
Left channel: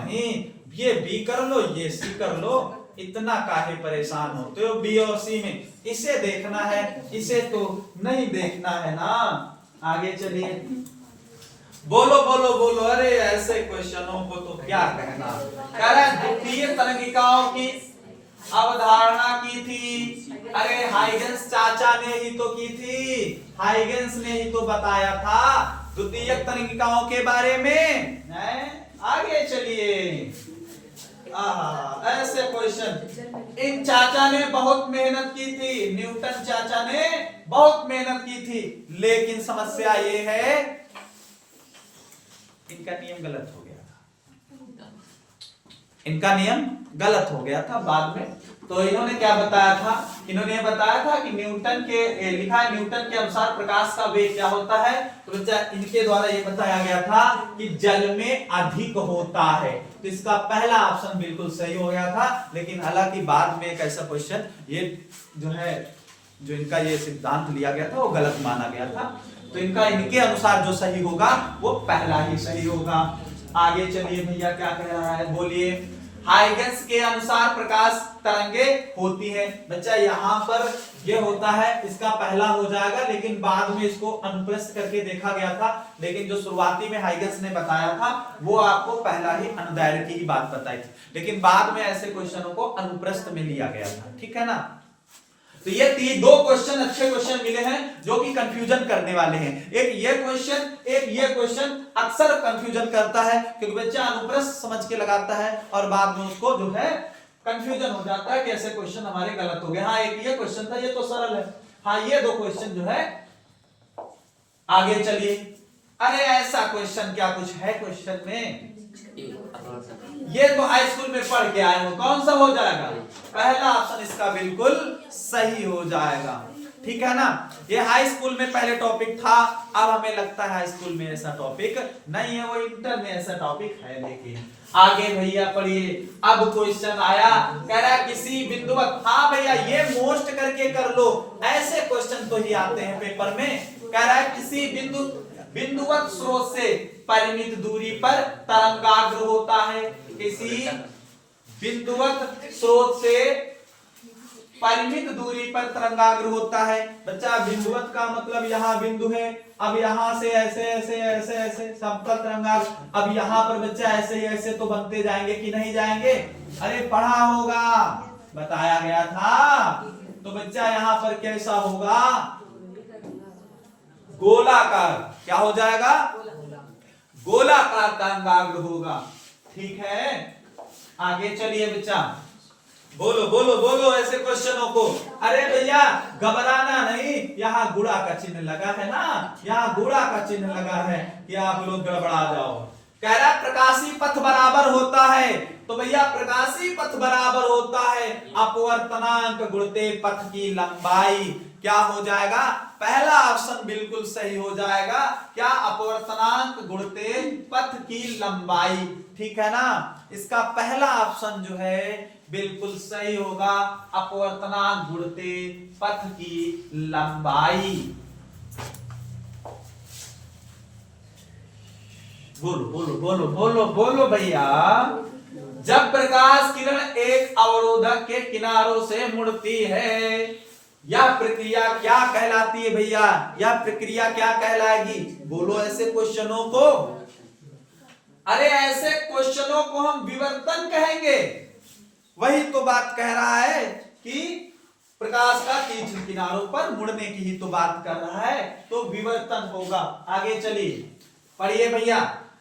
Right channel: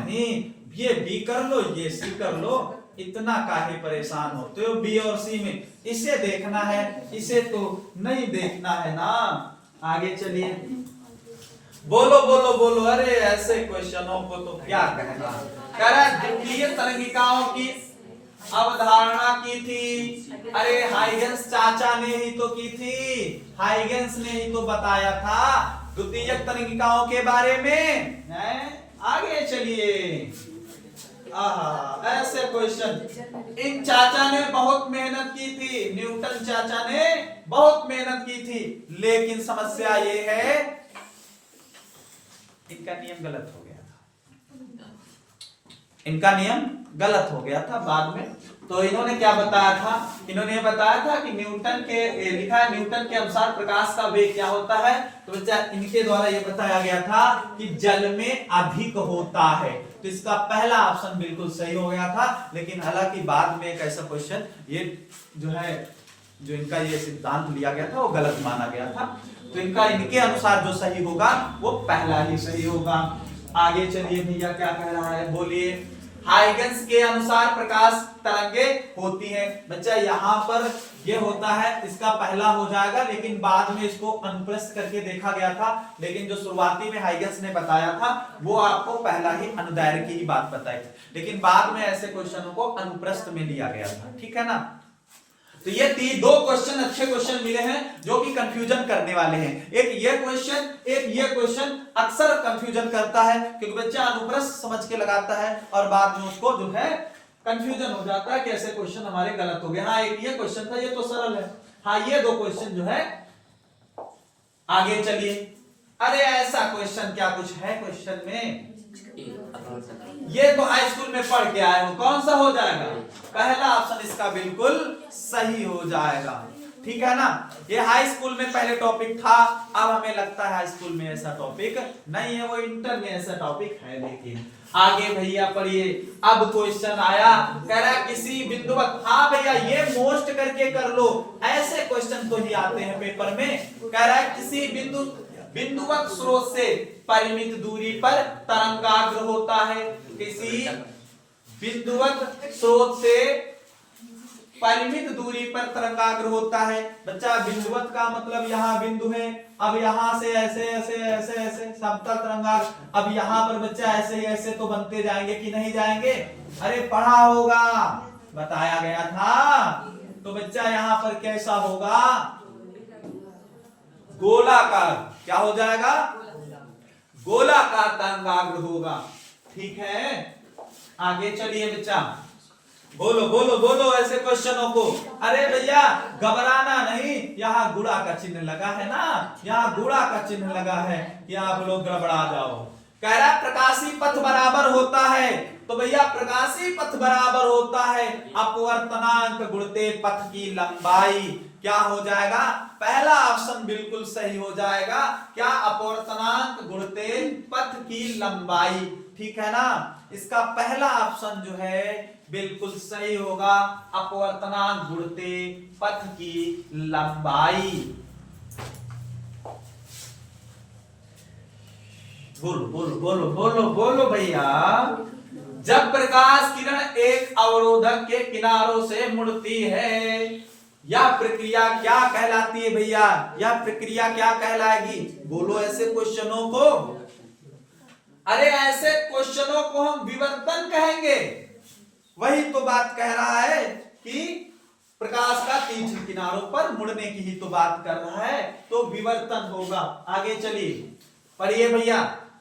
नहीं, ये बी कर लो, ये सी कर लो, इतना काहे परेशान होते हो? बी और सी में इसे देखना है, इसे तो नहीं देखना है ना। आगे चलिए, बोलो बोलो बोलो। अरे ऐसे क्वेश्चनों को तो क्या कहना। कह रहा है द्वितीय तरंगिकाओं की अवधारणा की थी। अरे हाइगेंस चाचा ने ही तो की थी, हाइगेंस ने ही तो बताया था द्वितीयक तरंगिकाओं के बारे में। आगे चलिए। ऐसे क्वेश्चन इन चाचा ने बहुत मेहनत की थी, न्यूटन चाचा ने बहुत मेहनत की थी, लेकिन समस्या ये है इनका नियम गलत हो गया था। इनका नियम गलत हो गया था बाद में। तो इन्होंने क्या बताया था? इन्होंने बताया था कि न्यूटन के लिखा है न्यूटन के अनुसार प्रकाश का वेग क्या होता है? तो बच्चा इनके द्वारा ये बताया गया था कि जल में अधिक होता है। तो इसका पहला ऑप्शन बिल्कुल सही हो गया था। लेकिन हालांकि बाद में एक ऐसा क्वेश्चन ये जो इनका ये सिद्धांत लिया गया था वो गलत माना गया था। तो इनके अनुसार जो सही होगा वो पहला ही सही होगा। आगे चलिए भैया, क्या कह रहा है? बोलिए। हाइगेंस के अनुसार प्रकाश तरंगे होती हैं। बच्चा यहाँ पर ये होता है, इसका पहला हो जाएगा, लेकिन बाद में इसको अनुप्रस्थ करके देखा गया था। लेकिन जो शुरुआती में हाइगेंस ने बताया था वो आपको पहला ही अनुदैर्घ्य की ही बात बताई थी, लेकिन बाद में ऐसे क्वेश्चनों को अनुप्रस्थ में लिया गया था। ठीक है ना? तो ये दो क्वेश्चन अच्छे क्वेश्चन मिले हैं जो कि कंफ्यूजन करने वाले हैं। एक ये क्वेश्चन अक्सर कंफ्यूजन करता है, क्योंकि बच्चा अनुप्रस्थ समझ के लगाता है और बाद में उसको जो है कंफ्यूजन हो जाता है कि ऐसे क्वेश्चन हमारे गलत हो गए। हाँ, एक ये क्वेश्चन था, ये तो सरल है। हाँ, ये दो क्वेश्चन जो है आगे चलिए। अरे ऐसा क्वेश्चन क्या कुछ है क्वेश्चन में? ये तो हाई स्कूल में पढ़ के आए हो, कौन सा हो जाएगा? पहला ऑप्शन इसका बिल्कुल सही हो जाएगा। ठीक है ना? ये हाई स्कूल में पहले टॉपिक था, अब हमें लगता है हाई स्कूल में ऐसा टॉपिक नहीं है, वो इंटर में ऐसा टॉपिक है। लेकिन आगे भैया पढ़िए। अब क्वेश्चन आया, कह रहा है किसी बिंदुवत, हाँ भैया ये मोस्ट करके कर लो, ऐसे क्वेश्चन तो ही आते हैं पेपर में। कह रहा है किसी बिंदुवत स्रोत से परिमित दूरी पर तरंगाग्र होता है। किसी बिंदुवत स्रोत से परिमित दूरी पर तरंगाग्र होता है। बच्चा बिंदुवत का मतलब यहाँ बिंदु है, अब यहाँ से ऐसे ऐसे ऐसे ऐसे समतल तरंगाग्र, अब यहाँ पर बच्चा ऐसे ऐसे तो बनते जाएंगे कि नहीं जाएंगे? अरे पढ़ा होगा, बताया गया था। तो बच्चा यहाँ पर कैसा होगा? गोलाकार। क्या हो जाएगा? गोलाकार तरंगाग्र होगा। ठीक है, आगे चलिए बच्चा। बोलो बोलो बोलो ऐसे क्वेश्चनों को। अरे भैया घबराना नहीं, यहाँ गुणा का चिन्ह लगा है ना, यहाँ गुणा का चिन्ह लगा है कि आप लोग गड़बड़ा जाओ। कह रहा है प्रकाशी पथ बराबर होता है, तो भैया प्रकाशी पथ बराबर होता है अपवर्तनांक गुणते पथ की लंबाई। क्या हो जाएगा? पहला ऑप्शन बिल्कुल सही हो जाएगा। क्या? अपवर्तनांक गुणते पथ की लंबाई। ठीक है ना? इसका पहला ऑप्शन जो है बिल्कुल सही होगा, अपवर्तनांक गुणते पथ की लंबाई। बोलो बोलो बोलो बोलो बोलो भैया। जब प्रकाश किरण एक अवरोधक के किनारों से मुड़ती है, यह प्रक्रिया क्या कहलाती है भैया? यह प्रक्रिया क्या कहलाएगी? बोलो ऐसे क्वेश्चनों को। अरे ऐसे क्वेश्चनों को हम विवर्तन कहेंगे। वही तो बात कह रहा है कि प्रकाश का तीक्ष्ण किनारों पर मुड़ने की ही तो बात कर रहा है, तो विवर्तन होगा। आगे चलिए पढ़िए भैया।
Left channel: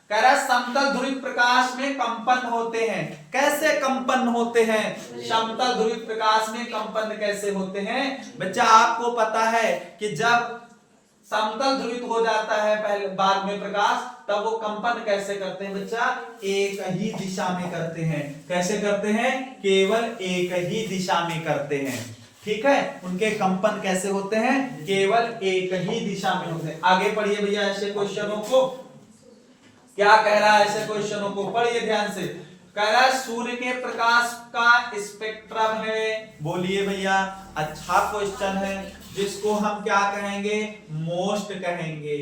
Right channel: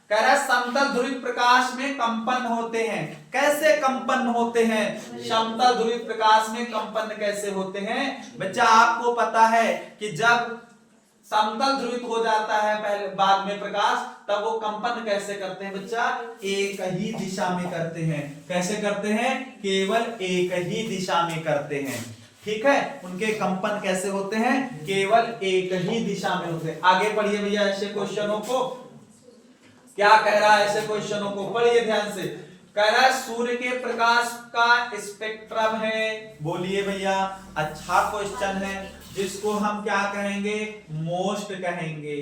कह रहा है समतल ध्रुवित प्रकाश में कंपन होते हैं। कैसे कंपन होते हैं? समतल ध्रुवित प्रकाश में कंपन कैसे होते हैं? बच्चा आपको पता है कि जब समतल ध्रुवित हो जाता है पहले बाद में प्रकाश, तब वो कंपन कैसे करते हैं बच्चा? एक ही दिशा में करते हैं। कैसे करते हैं? केवल एक ही दिशा में करते हैं। ठीक है, उनके कंपन कैसे होते हैं? केवल एक ही दिशा में होते हैं। आगे पढ़िए भैया ऐसे क्वेश्चनों को। क्या कह रहा है? ऐसे क्वेश्चनों को पढ़िए ध्यान से। कह रहा है सूर्य के प्रकाश का स्पेक्ट्रम है। बोलिए भैया, अच्छा क्वेश्चन है, जिसको हम क्या कहेंगे? मोस्ट कहेंगे।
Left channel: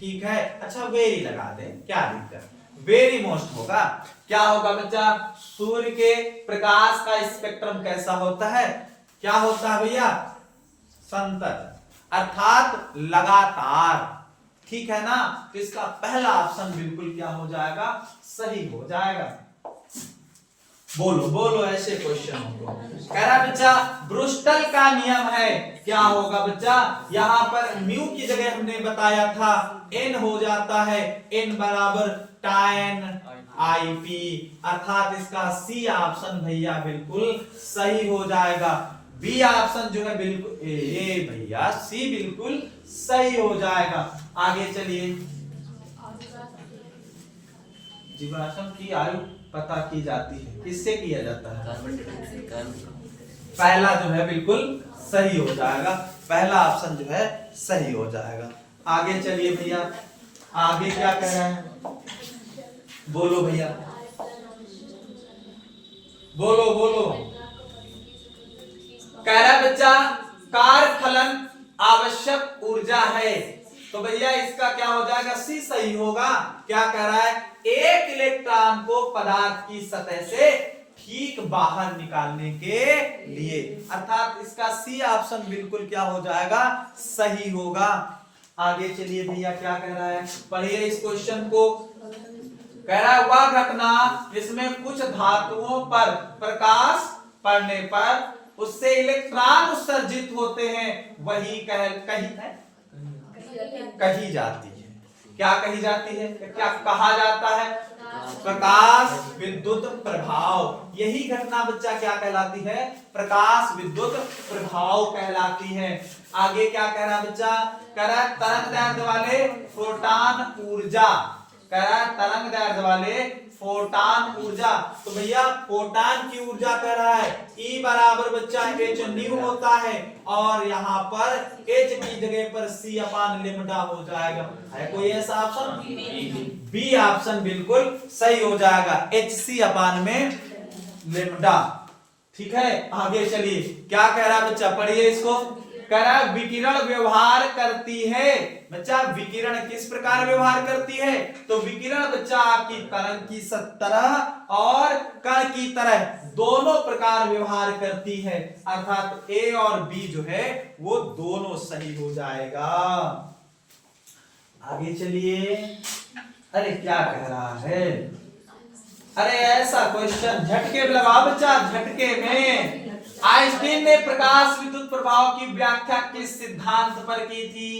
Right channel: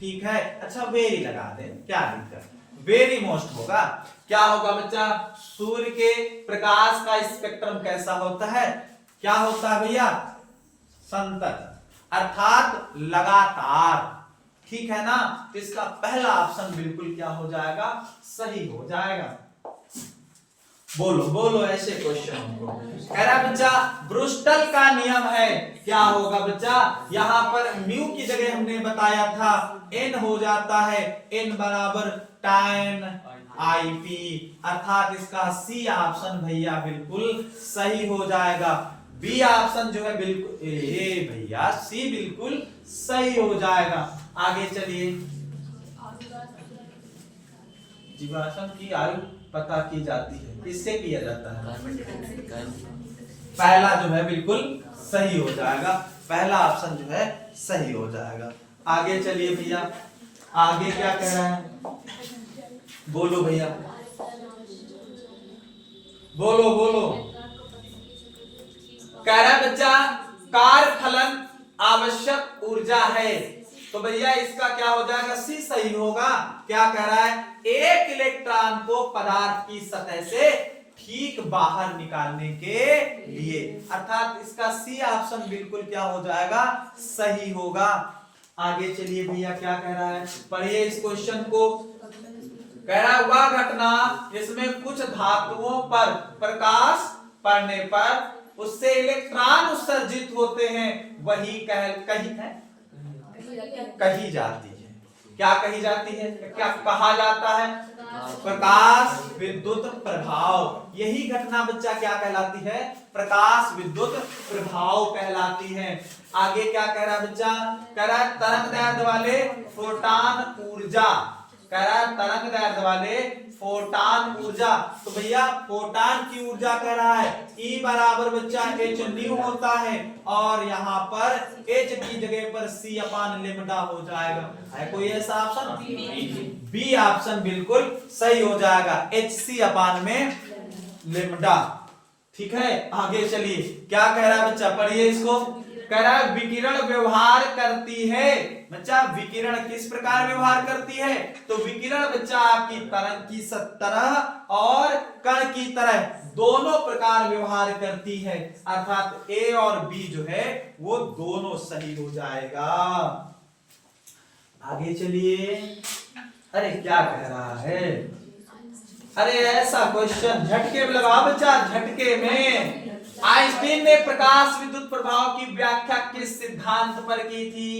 ठीक है, अच्छा वेरी लगा दे, क्या दिक्कत? वेरी मोस्ट होगा। क्या होगा बच्चा? सूर्य के प्रकाश का स्पेक्ट्रम कैसा होता है? क्या होता है भैया? संतत, अर्थात लगातार। ठीक है ना? तो इसका पहला ऑप्शन बिल्कुल क्या हो जाएगा? सही हो जाएगा। बोलो बोलो ऐसे क्वेश्चनों को। कह रहा बच्चा ब्रूस्टर का नियम है। क्या होगा बच्चा? यहां पर म्यू की जगह हमने बताया था एन हो जाता है, एन बराबर tan IP, अर्थात इसका सी ऑप्शन भैया बिल्कुल सही हो जाएगा। बी ऑप्शन जो है बिल्कुल ए भैया सी बिल्कुल सही हो जाएगा। आगे चलिए। जीवाश्म की आयु पता की जाती है, किससे किया जाता है? पहला जो है बिल्कुल सही हो जाएगा, पहला ऑप्शन जो है सही हो जाएगा। आगे चलिए भैया, आगे क्या कह रहा है? बोलो भैया, बोलो बोलो। कह रहा है बच्चा कार्य फलन आवश्यक ऊर्जा है, तो भैया इसका क्या हो जाएगा? सी सही होगा। क्या कह रहा है? एक इलेक्ट्रॉन को पदार्थ की सतह से ठीक बाहर निकालने के लिए, अर्थात इसका सी ऑप्शन बिल्कुल क्या हो जाएगा? सही होगा। आगे चलिए भैया, क्या कह रहा है? पढ़िए इस क्वेश्चन को। कह रहा है वह घटना जिसमें कुछ धातुओं पर प्रकाश पड़ने पर उससे इलेक्ट्रॉन उत्सर्जित होते हैं, वही कही जाती है। क्या कही जाती है? क्या कहा जाता है? प्रकाश विद्युत प्रभाव। यही घटना बच्चा क्या कहलाती है? प्रकाश विद्युत प्रभाव कहलाती है। आगे क्या कह रहा है बच्चा? कह रहा है तरंग दैर्ध्य वाले फोटान ऊर्जा, कह रहा है तरंग दैर्ध्य वाले फोटान ऊर्जा। तो भैया फोटान की ऊर्जा कह रहा है E बराबर बच्चा h न्यू होता है, और यहाँ पर h की जगह पर c अपान लेमडा हो जाएगा। है कोई ऐसा ऑप्शन? बी ऑप्शन बिल्कुल सही हो जाएगा, hc अपान में लेमडा। ठीक है, आगे चलिए क्या कह रहा है बच्चा, पढ़िए इसको। कह रहा है विकिरण व्यवहार करती है। बच्चा विकिरण किस प्रकार व्यवहार करती है? तो विकिरण बच्चा आपकी तरंग की तरह और कण की तरह दोनों प्रकार व्यवहार करती है, अर्थात ए और बी जो है वो दोनों सही हो जाएगा। आगे चलिए। अरे क्या कह रहा है? अरे ऐसा क्वेश्चन झटके में लगा बच्चा, झटके में। आइंस्टीन ने प्रकाश विद्युत प्रभाव की व्याख्या किस सिद्धांत पर की थी?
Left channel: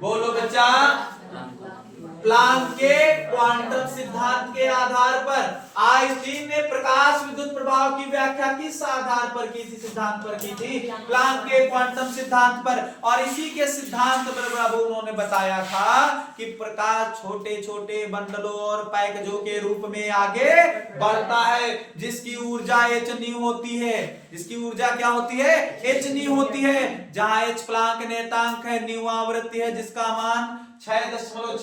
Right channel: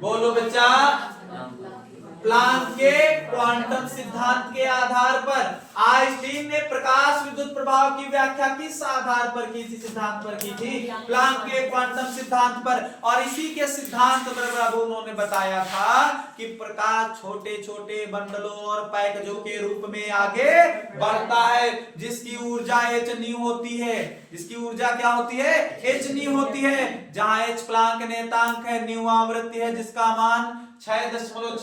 बोलो बच्चा। प्लांक के क्वांटम सिद्धांत के आधार पर आइंस्टीन ने प्रकाश विद्युत प्रभाव की व्याख्या किस आधार पर की थी? सिद्धांत पर की थी, प्लांक के क्वांटम सिद्धांत पर। और इसी के सिद्धांत पर उन्होंने बताया था कि प्रकाश छोटे छोटे बंडलों और पैकेजों के रूप में आगे बढ़ता है, जिसकी ऊर्जा h न्यू होती है। जिसकी ऊर्जा क्या होती है? h न्यू होती है। जहां h प्लांक नेतांक है, न्यू आवृत्ति है, जिसका मान 6.6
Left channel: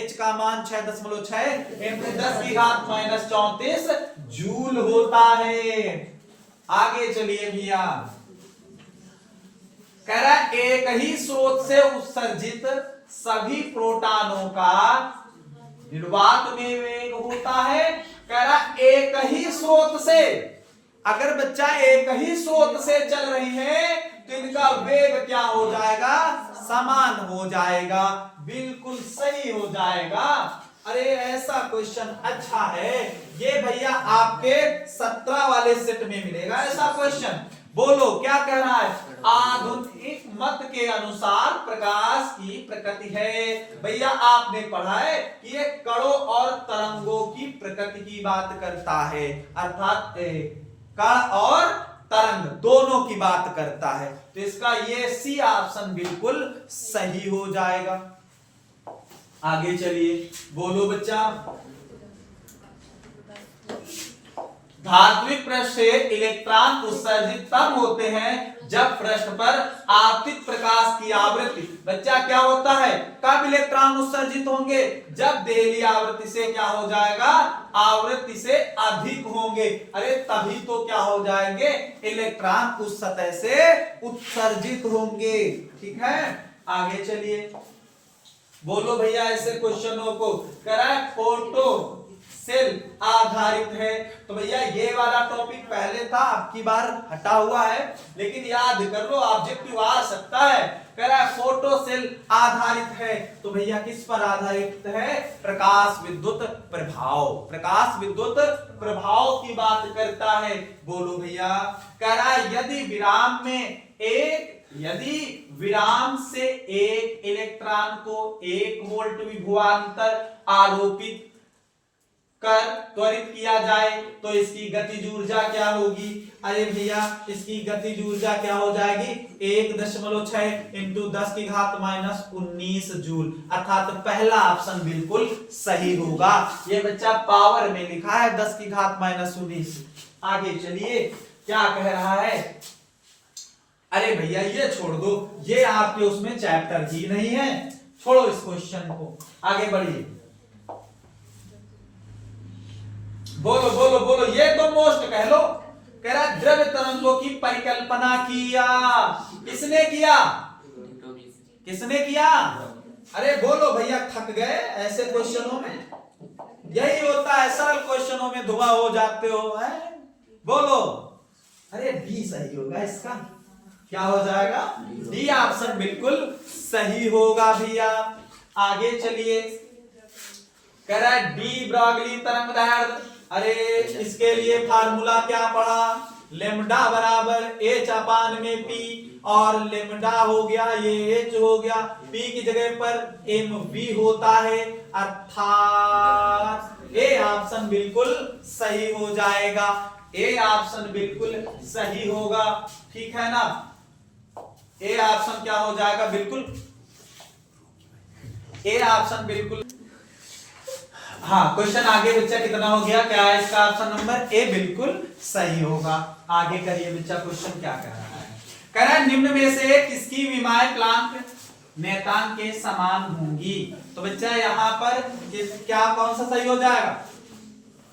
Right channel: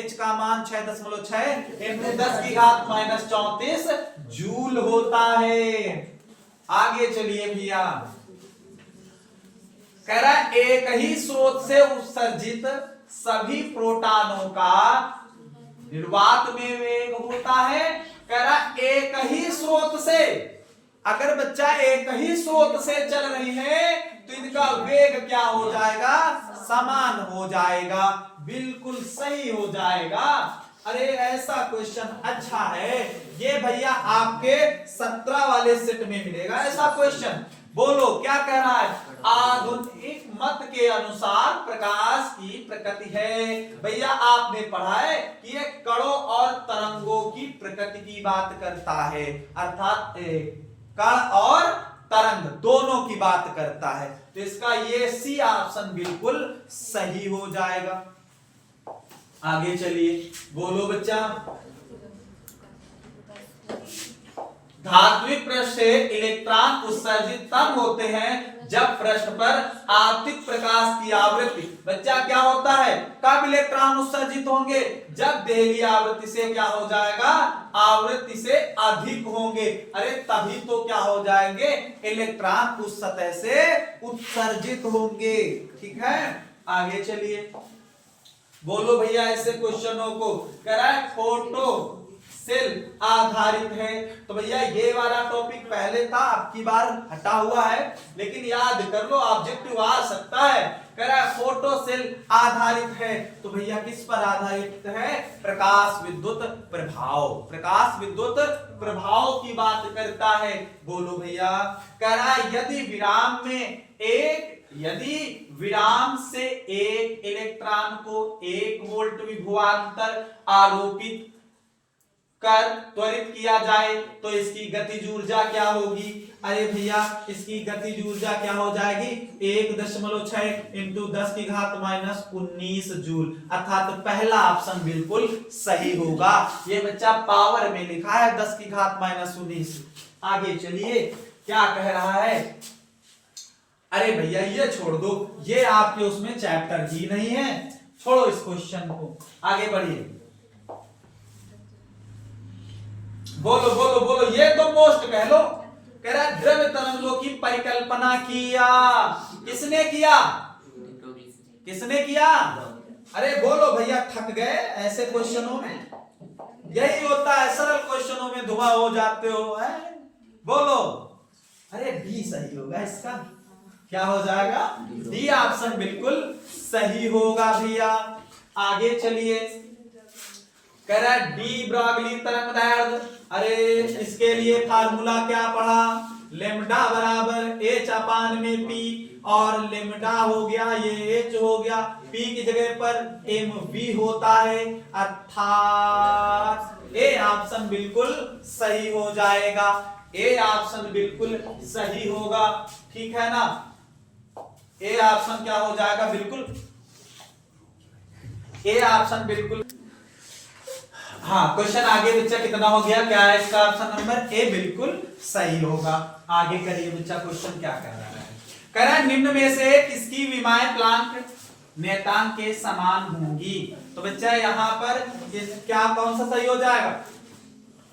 h का मान 6.6 इंटू 10 की घात -34 जूल होता है। आगे चलिए भैया। कह रहा है एक ही स्रोत से उत्सर्जित सभी प्रोटॉनों का निर्वात में वेग होता है। कह रहा है एक ही स्रोत से, अगर बच्चा एक ही स्रोत से चल रही है तो इनका वेग क्या हो जाएगा? समान हो जाएगा, बिल्कुल सही हो जाएगा। अरे ऐसा क्वेश्चन अच्छा है ये भैया, आपके 17 वाले सेट में मिलेगा ऐसा क्वेश्चन। बोलो क्या कह रहा है? आधुनिक मत के अनुसार प्रकाश की प्रकृति है। भैया आपने पढ़ा है कि ये कणों और तरंगों की प्रकृति की बात करता है, अर्थात कण और तरंग दोनों की बात करता है। तो इसका ये सी ऑप्शन बिल्कुल सही हो जाएगा। आगे चलिए, बोलो बच्चा। धात्विक पृष्ठ से इलेक्ट्रॉन उत्सर्जित तब होते हैं जब पृष्ठ पर आपतित प्रकाश की आवृत्ति, बच्चा क्या होता है? कब इलेक्ट्रॉन उत्सर्जित होंगे? जब देहली आवृत्ति से क्या हो जाएगा? आवृत्ति से अधिक होंगे। अरे तभी तो क्या हो जाएंगे? इलेक्ट्रॉन उस सतह से उत्सर्जित होंगे। ठीक है, आगे चलिए। बोलो भैया ऐसे क्वेश्चनों को। कह रहा है फोटो सेल आधारित है। तो भैया ये वाला टॉपिक पहले था, अब की बार हटा हुआ है, लेकिन याद कर लो ऑब्जेक्टिव आ सकता है। कह रहा है फोटो सेल आधारित है, तो भैया किस पर आधारित है? प्रकाश विद्युत प्रभाव। प्रकाश विद्युत प्रभाव की बात करता है। बोलो भैया। कह रहा है यदि विराम से एक इलेक्ट्रॉन को 1 वोल्ट विभवांतर आरोपित कर त्वरित किया जाए तो इसकी गतिज ऊर्जा क्या होगी? अरे भैया इसकी गतिज ऊर्जा क्या हो जाएगी? 1.6 इंटू 10 की घात -19 जूल, अर्थात पहला ऑप्शन बिल्कुल सही होगा। ये बच्चा पावर में लिखा है 10 की घात -19। आगे चलिए क्या कह रहा है? अरे भैया ये छोड़ दो, ये आपके उसमें चैप्टर ही नहीं है, छोड़ो इस क्वेश्चन को, आगे बढ़िए। बोलो बोलो बोलो, ये तो मोस्ट कह लो। कह रहा है द्रव्य तरंगों की परिकल्पना किया। किसने किया? किसने किया? अरे बोलो भैया, थक गए ऐसे क्वेश्चनों में? यही होता है, सरल क्वेश्चनों में धुआं हो जाते हो है? बोलो। अरे बी सही होगा इसका, क्या हो जाएगा? डी ऑप्शन बिल्कुल सही होगा भैया। आगे चलिए। कह रहा है डी ब्रॉगली तरंग दैर्ध्य। अरे इसके लिए फार्मूला क्या पढ़ा? लेमडा बराबर h अपान में p, और लेमडा हो गया ये h हो गया, p की जगह पर mv होता है, अर्थात ए ऑप्शन बिल्कुल सही हो जाएगा, ए ऑप्शन बिल्कुल सही होगा, ठीक है ना। ए ऑप्शन क्या हो जाएगा, बिल्कुल ए ऑप्शन बिल्कुल। हाँ, क्वेश्चन आगे बच्चा कितना हो गया, क्या है इसका ऑप्शन नंबर ए बिल्कुल सही होगा। आगे करिए बच्चा, क्वेश्चन क्या कह रहा है, कह रहा है निम्न में से किसकी विमाएं प्लांक नियतांक के समान होंगी। तो बच्चा यहाँ पर क्या कौन सा सही हो जाएगा,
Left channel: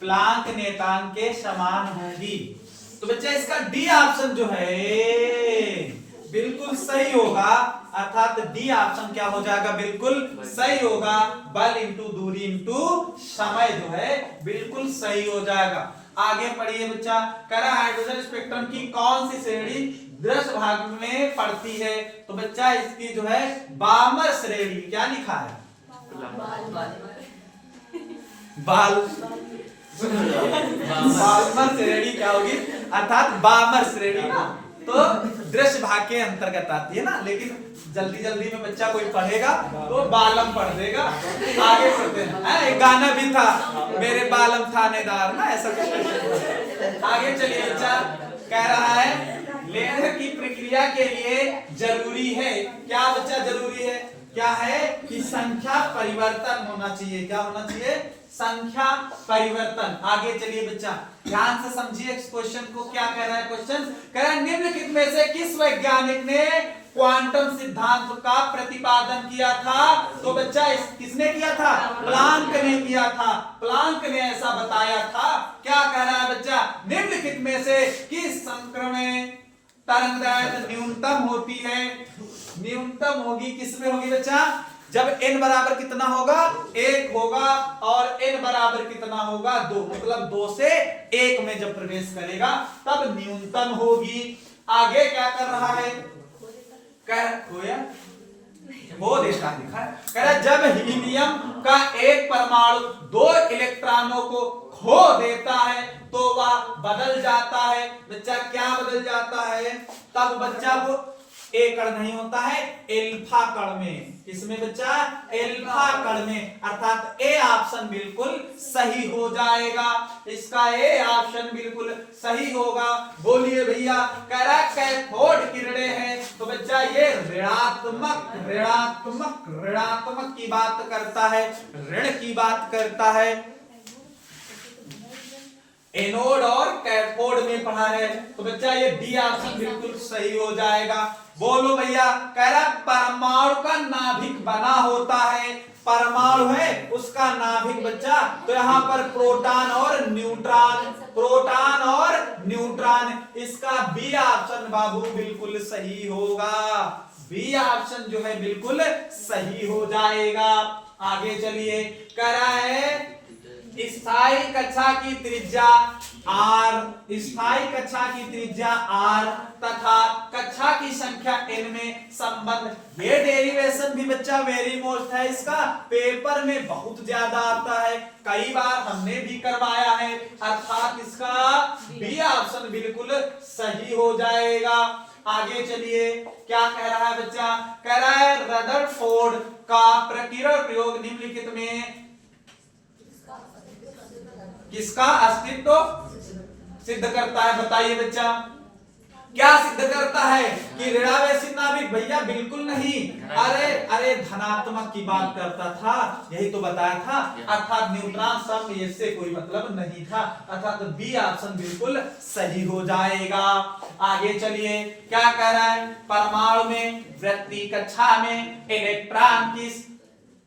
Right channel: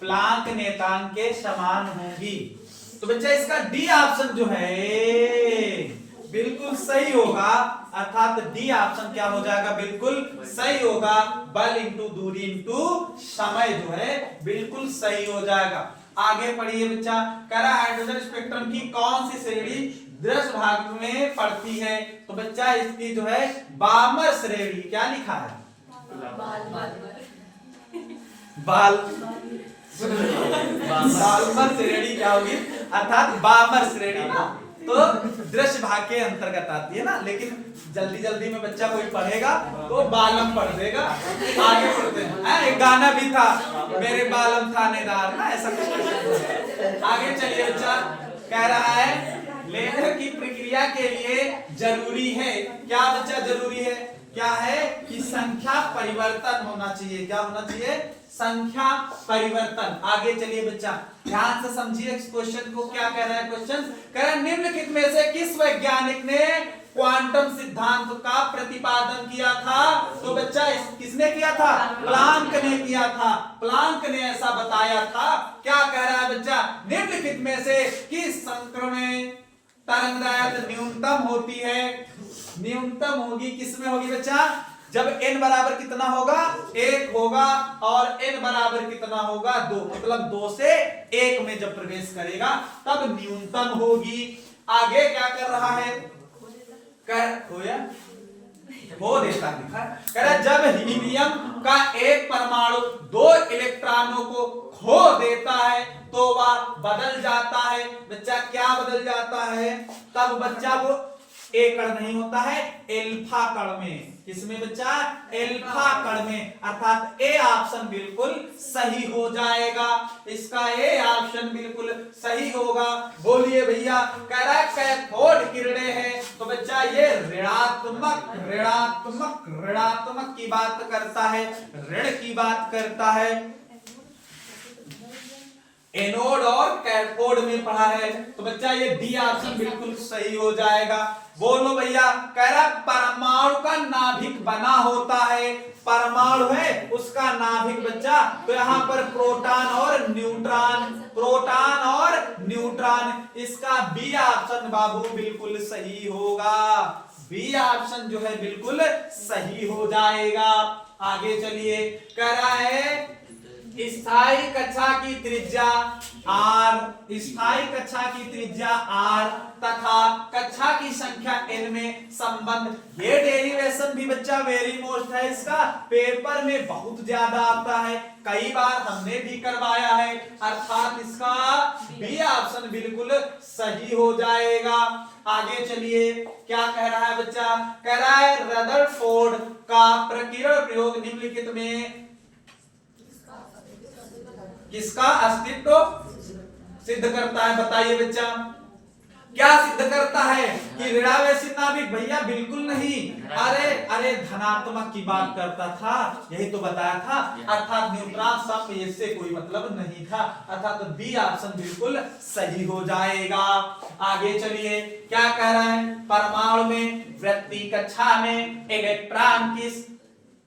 प्लांक नियतांक के समान होंगी। तो बच्चा इसका डी ऑप्शन जो है बिल्कुल सही होगा, अर्थात डी ऑप्शन क्या हो जाएगा, बिल्कुल सही होगा। बल इंटू दूरी इंटू समय जो है बिल्कुल सही हो जाएगा। आगे पढ़िए बच्चा, कह रहा है हाइड्रोजन स्पेक्ट्रम की कौन सी श्रेणी दृश्य भाग में पड़ती है। तो बच्चा इसकी जो है बामर श्रेणी, क्या लिखा है, बाल बामर श्रेणी क्या होगी, अर्थात बामर श्रेणी ना, तो दृश्य भाग के अंतर्गत आती है ना। लेकिन जल्दी जल्दी में बच्चा कोई पढ़ेगा तो बालम पढ़ देगा। आगे पढ़ते हैं, एक गाना भी था, मेरे बालम थानेदार ना, ऐसा कुछ। आगे चलिए बच्चा, कह रहा है लेजर की प्रक्रिया के लिए जरूरी है, क्या बच्चा जरूरी है, क्या है कि संख्या परिवर्तन होना चाहिए, क्या होना चाहिए, संख्या परिवर्तन। आगे चलिए बच्चा, ध्यान से समझिए इस क्वेश्चन को, क्या कह रहा है क्वेश्चन, कह रहा है निम्नलिखित में से किस वैज्ञानिक ने क्वांटम सिद्धांत का प्रतिपादन किया था। तो बच्चा किसने किया था, प्लांक ने किया था, प्लांक ने ऐसा बताया था। क्या कह रहा है बच्चा, निम्नलिखित में से किस संक्रमण तरंगदैर्घ्य न्यूनतम होती है, न्यूनतम होगी किसमें होगी बच्चा, जब n बराबर कितना होगा, 1 होगा, और n बराबर कितना होगा, 2, मतलब 2 से 1 में जब प्रवेश करेगा तब न्यूनतम होगी। आगे क्या कर रहा है, हो देता लिखा है, कह रहा जब हीलियम का एक परमाणु 2 इलेक्ट्रॉनों को खो देता है तो वह बदल जाता है। बच्चा क्या बदल जाता है, तब बच्चा वो ए कण नहीं होता है, एल्फा कण में, किसमें बच्चा, एल्फा कण में, अर्थात ए ऑप्शन बिल्कुल सही हो जाएगा, इसका ए ऑप्शन बिल्कुल सही होगा। बोलिए भैया, कह रहा है कैथोड किरणें हैं, तो बच्चा ये ऋणात्मक ऋणात्मक ऋणात्मक की बात करता है, ऋण की बात करता है। एनोड और कैथोड में पढ़ा है, तो बच्चा ये डी ऑप्शन बिल्कुल सही हो जाएगा। बोलो भैया, कह रहा परमाणु का नाभिक बना होता है, परमाणु है उसका नाभिक बच्चा, तो यहाँ पर प्रोटॉन और न्यूट्रॉन, प्रोटॉन और न्यूट्रॉन, इसका बी ऑप्शन बाबू बिल्कुल सही होगा, बी ऑप्शन जो है बिल्कुल सही हो जाएगा। आगे चलिए, कह रहा है स्थायी कक्षा की त्रिज्या r, स्थायी कक्षा की त्रिज्या r तथा कक्षा की संख्या n में संबंध। ये डेरिवेशन भी बच्चा वेरी मोस्ट है, इसका पेपर में बहुत ज्यादा आता है, कई बार हमने भी करवाया है, अर्थात इसका बी ऑप्शन बिल्कुल सही हो जाएगा। आगे चलिए, क्या कह रहा है बच्चा, कह रहा है रदरफोर्ड का प्रकीर्णन प्रयोग निम्नलिखित में किसका अस्तित्व सिद्ध करता है, बताइए बच्चा, क्या सिद्ध करता है कि ऋणावेशी नाभिक, भैया बिल्कुल नहीं, अरे धनात्मक की बात करता था, यही तो बताया था, अर्थात न्यूट्रॉन सब इससे कोई मतलब नहीं था, अर्थात बी ऑप्शन बिल्कुल सही हो जाएगा। आगे चलिए, क्या कह रहा है, परमाणु में वृत्तीय कक्षा में इलेक्ट्रॉन किस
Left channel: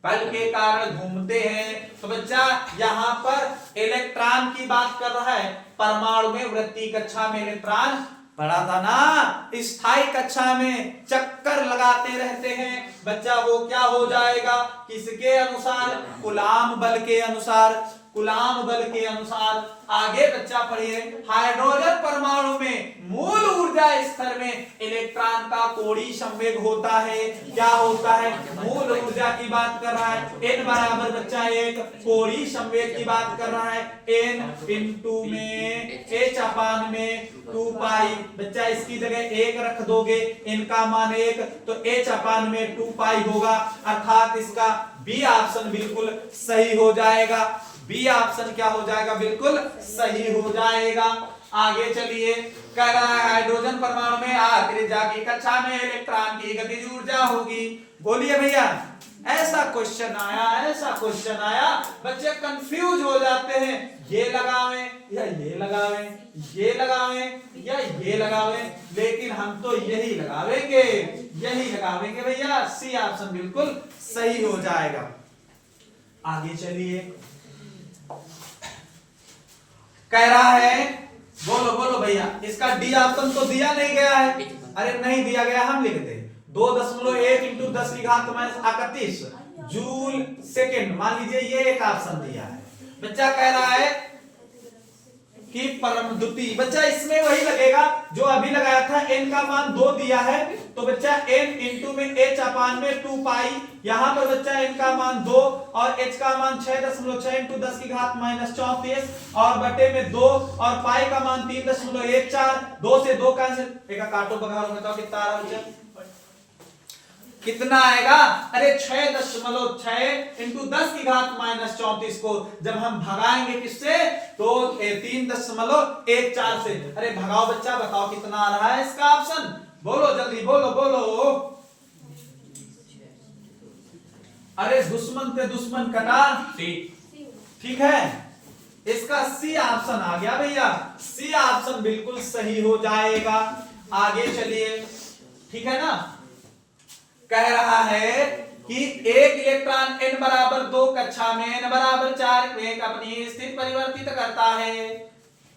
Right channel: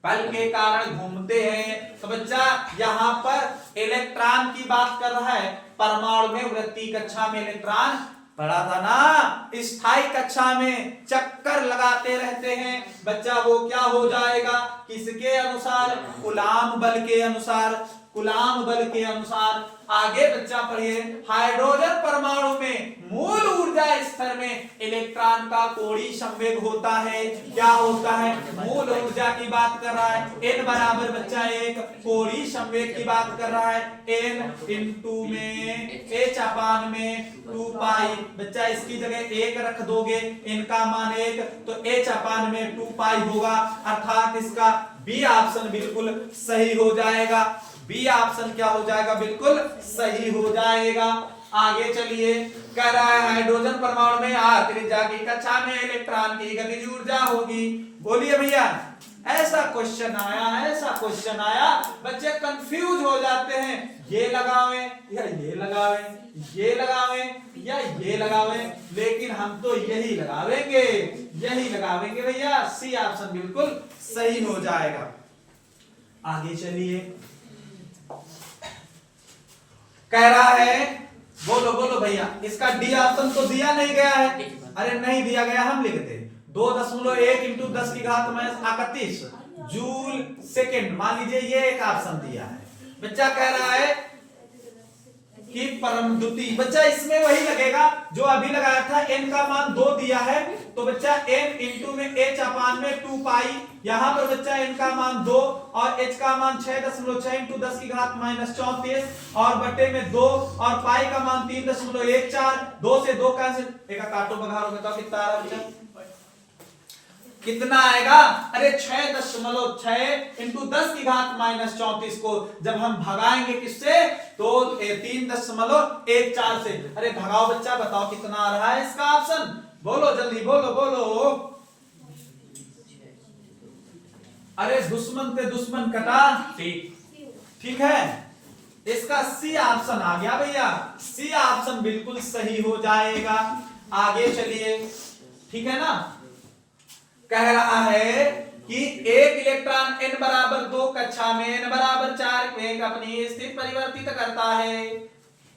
बल के कारण घूमते हैं। तो बच्चा यहाँ पर इलेक्ट्रॉन की बात कर रहा है, परमाणु में वृत्तीय कक्षा में इलेक्ट्रॉन पढ़ा था ना, स्थायी कक्षा में चक्कर लगाते रहते हैं, बच्चा वो क्या हो जाएगा, किसके अनुसार, कूलाम बल के अनुसार, कूलाम बल के अनुसार। आगे बच्चा पढ़िए, हाइड्रोजन परमाणु में मूल ऊर्जा स्तर में इलेक्ट्रॉन का कोणीय संवेग होता है, क्या होता है, मूल ऊर्जा की बात कर रहा है, n बराबर बच्चा 1, कोणीय संवेग की बात कर रहा है, n इंटू में h अपान में 2 पाई, बच्चा इसकी जगह 1 रख दोगे, n का मान 1, तो h अपान में 2 पाई होगा, अर्थात इसका बी ऑप्शन बिल्कुल सही हो जाएगा। बी ऑप्शन क्या हो जाएगा, बिल्कुल सही हो जाएगा। आगे चलिए, कह रहा है हाइड्रोजन परमाणु में r त्रिज्या की कक्षा में इलेक्ट्रॉन की गतिज ऊर्जा होगी। बोलिए भैया, ऐसा क्वेश्चन आया, ऐसा क्वेश्चन आया, बच्चे कंफ्यूज हो जाते हैं, ये लगावें या ये लगावें, ये लगावें या ये लगावें, लेकिन हम तो यही लगावेंगे, यही लगावेंगे भैया। सी ऑप्शन बिल्कुल सही हो जाएगा। आगे चलिए, कह रहा है, बोलो बोलो भैया, इसका डी ऑप्शन तो दिया नहीं गया है। अरे नहीं दिया गया, हम लिख दे 2.1 इंटू 10 की घात -31 जूल सेकेंड, मान लीजिए ये एक ऑप्शन दिया है। बच्चा कह रहा है कि परम द्वितीय, बच्चा इसमें वही लगेगा जो अभी लगाया था, n का मान 2 दिया है, तो बच्चा n इंटू में h अपान में 2 पाई, यहां पर बच्चा n का मान 2 और h का मान 6.6 इंटू 10 की घात -34 और बटे में 2 और पाई का मान 3.14, 2 से 2 कैंसिल, एक काटो बघारो, बताओ कितना आ रहा है, कितना आएगा। अरे 6.6 इंटू 10 की घात -34 को जब हम भगाएंगे किससे, तो 3.14 से। अरे भगाओ बच्चा, बताओ कितना आ रहा है इसका ऑप्शन, बोलो जल्दी, बोलो बोलो। अरे दुश्मन पे दुश्मन कटा, ठीक है, इसका सी ऑप्शन आ गया भैया, सी ऑप्शन बिल्कुल सही हो जाएगा। आगे चलिए, ठीक है ना। कह रहा है कि एक इलेक्ट्रॉन n बराबर 2 कक्षा में n बराबर 4 में अपनी स्थिति परिवर्तित करता है।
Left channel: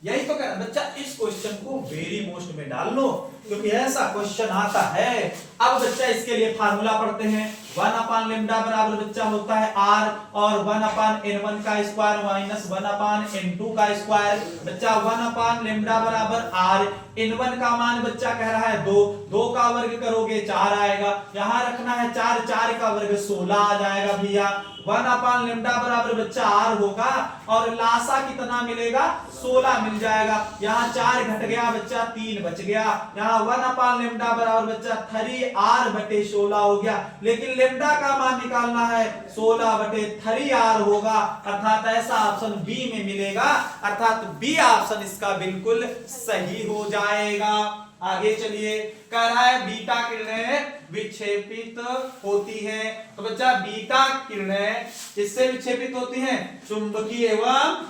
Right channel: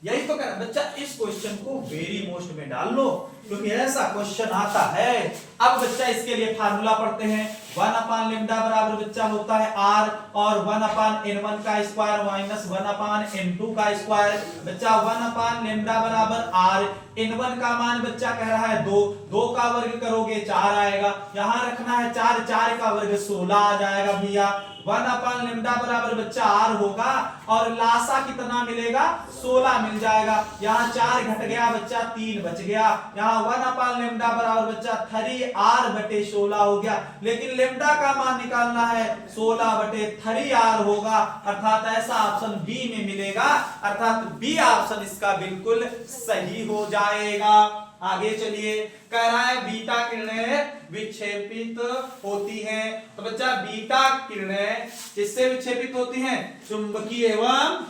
यही तो कह रहा बच्चा, इस क्वेश्चन को वेरी मोस्ट में डाल लो, क्योंकि ऐसा क्वेश्चन आता है। अब बच्चा इसके लिए फार्मूला पढ़ते हैं, 1 लेम्डा बराबर बच्चा होता है r और 1/n1 का स्क्वायर माइनस 1/n2 का स्क्वायर। बच्चा 1 लेम्डा बराबर r, n1 का मान बच्चा कह रहा है 2, 2 का वर्ग करोगे 4 आएगा, यहां रखना है 4, 4 का वर्ग 16 आ जाएगा भैया। 1 लेम्डा बराबर बच्चा r होगा और लासा कितना मिलेगा, 16 मिल जाएगा, यहाँ 4 घट गया बच्चा, 3 बच गया, यहाँ 1 लेम्डा बराबर बच्चा 3r/16 हो गया, लेकिन लेम्डा का मान निकालना है, 16/3r होगा, अर्थात ऐसा ऑप्शन बी में मिलेगा, अर्थात बी ऑप्शन इसका बिल्कुल सही हो जाएगा। आगे चलिए, कह रहा है बीटा किरणें विक्षेपित होती हैं, तो बच्चा बीटा किरणें किससे विक्षेपित होती हैं, चुंबकीय एवं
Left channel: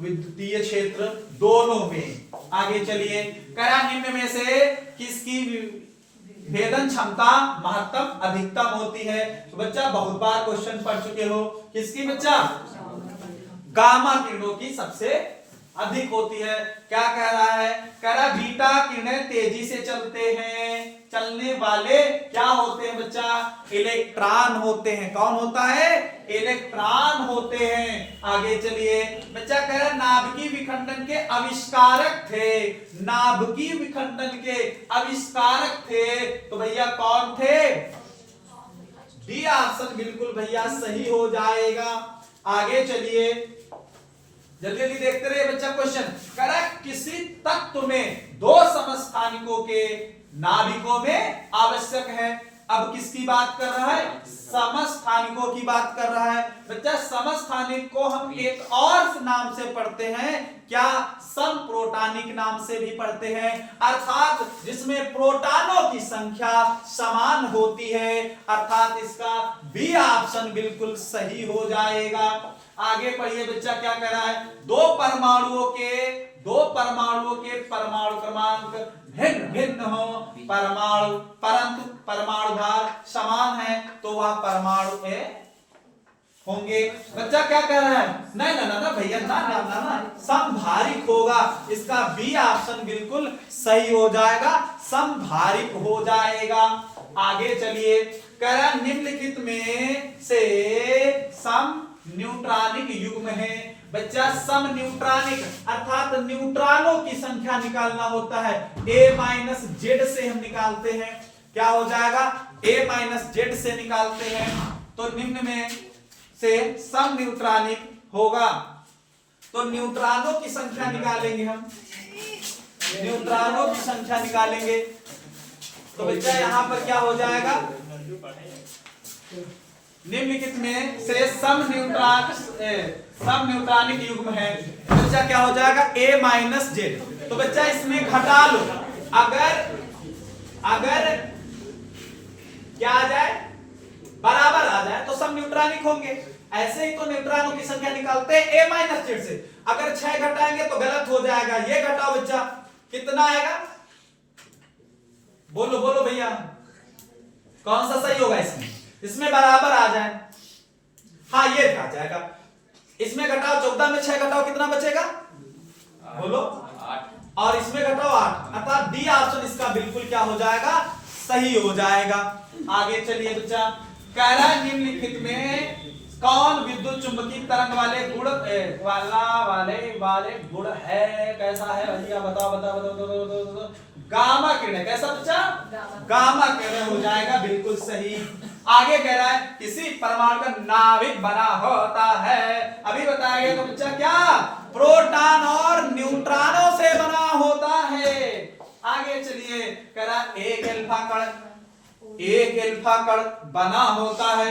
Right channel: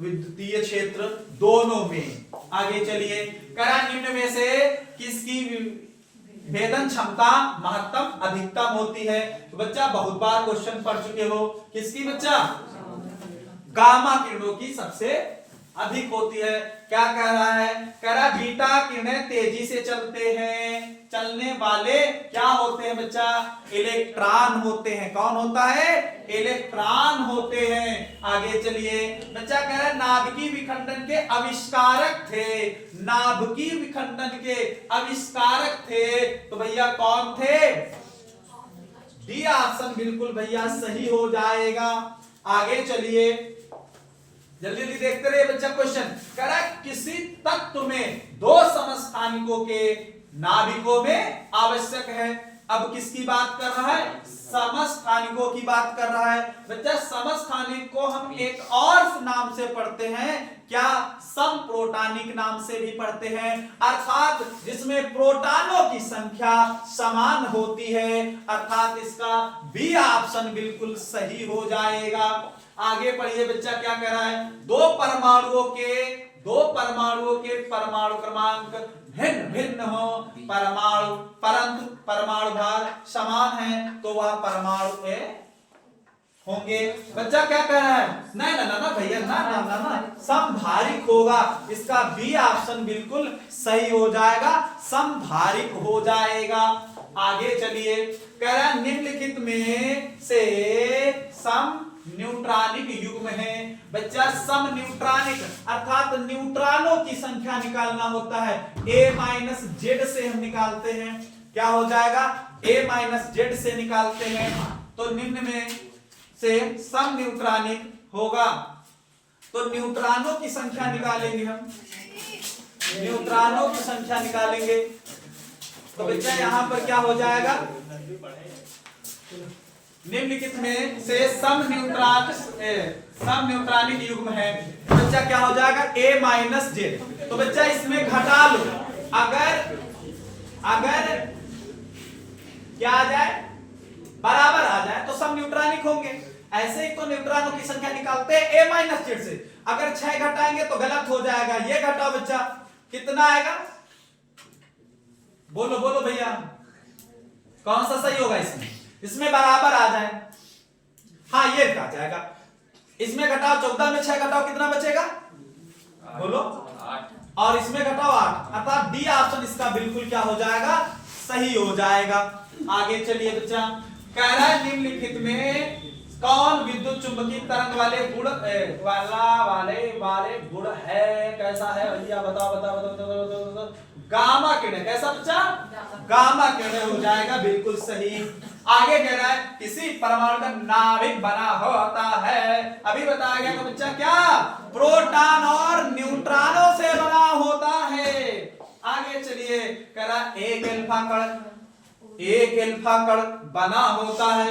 विद्युतीय क्षेत्र दोनों में। आगे चलिए, कह रहा निम्न में से किसकी भेदन क्षमता महत्तम अधिकतम होती है, तो बच्चा बहुत बार क्वेश्चन पढ़ चुके हो, किसकी बच्चा, गामा किरणों की सबसे अधिक होती है। क्या कह रहा है, कह रहा बीटा किरणें तेजी से चलते हैं, चलने वाले क्या होते हैं बच्चा, इलेक्ट्रॉन होते हैं। कौन होता है, इलेक्ट्रॉन होते हैं। आगे चलिए, बच्चा कह रहा है नाभिकीय विखंडन के आविष्कारक थे, नाभिकीय विखंडन के आविष्कारक थे, तो भैया कौन थे, बी ऑप्शन बिल्कुल भैया सही हो जाएगा। आगे चलिए, जल्दी जल्दी देखते रहिए बच्चा। क्वेश्चन कह रहा है किसी तत्व में 2 समस्थानिकों के नाभिकों में आवश्यक है। अब किसकी बात कर रहा है, समस्थानिकों की बात कर रहा है। बच्चा समस्थानिक को हम एक और नाम से पढ़ते हैं, क्या, समप्रोटानिक नाम से भी पढ़ते हैं, अर्थात जिसमें प्रोटॉनों की संख्या समान होती है, अर्थात इसका बी ऑप्शन बिल्कुल सही हो जाएगा। आगे पढ़िए बच्चा, क्या कह रहा है, दो परमाणुओं के परमाणु क्रमांक भिन्न भिन्न हो, परमाणु परंतु परमाणु भार समान है, तो वह परमाणु होंगे। बच्चा क्या कह रहा है, नहीं ना ना ना भैया, ना ना ना ना, समभारिक होगा, इसका बी ऑप्शन बिल्कुल सही हो जाएगा, समभारिक हो जाएगा। आगे चलिए, कह रहा है निम्नलिखित में से सम न्यूट्रॉनिक युग्म है। बच्चा सम न्यूट्रॉनिक अर्थात न्यूट्रॉनों की संख्या निकालना होता है, a-z से हम निकालते हैं, क्या हो जाएगा, a-z से निकालते हैं, तो निम्न में से सम न्यूट्रॉनिक होगा, तो न्यूट्रॉनों की संख्या निकालेंगे हम, न्यूट्रॉनों की संख्या निकालेंगे, तो बच्चा यहां पर क्या हो जाएगा, निम्नलिखित में से सम न्यूट्रॉनिक युग्म है। बच्चा क्या हो जाएगा a माइनस जेड। तो बच्चा इसमें घटा लो, अगर क्या आ जाए बराबर आ जाए तो सम न्यूट्रॉनिक होंगे। ऐसे ही तो न्यूट्रॉनों की संख्या निकालते हैं a माइनस जेड से। अगर 6 घटाएंगे तो गलत हो जाएगा, ये घटाओ बच्चा कितना आएगा, बोलो बोलो भैया कौन सा सही होगा इसमें, इसमें बराबर आ जाए। हाँ ये क्या जाएगा, इसमें घटाओ 14 में 6 घटाओ कितना बचेगा बोलो, और इसमें घटाओ 8, अर्थात डी ऑप्शन इसका बिल्कुल क्या हो जाएगा सही हो जाएगा। आगे चलिए बच्चा, कह रहा है निम्नलिखित में कौन विद्युत चुंबकीय तरंग वाले गुण वाले गुण है, कैसा है भैया बताओ बताओ बताओ बताओ बताओ बताओ। गामा किरण, कैसा बच्चा गामा किरण हो जाएगा बिल्कुल सही। आगे कह रहा है किसी परमाणु का नाभिक बना होता है, अभी बताया गया तो बच्चा क्या प्रोटॉन और न्यूट्रॉनों से बना होता है। आगे चलिए कह रहा एक अल्फा कण बना होता है,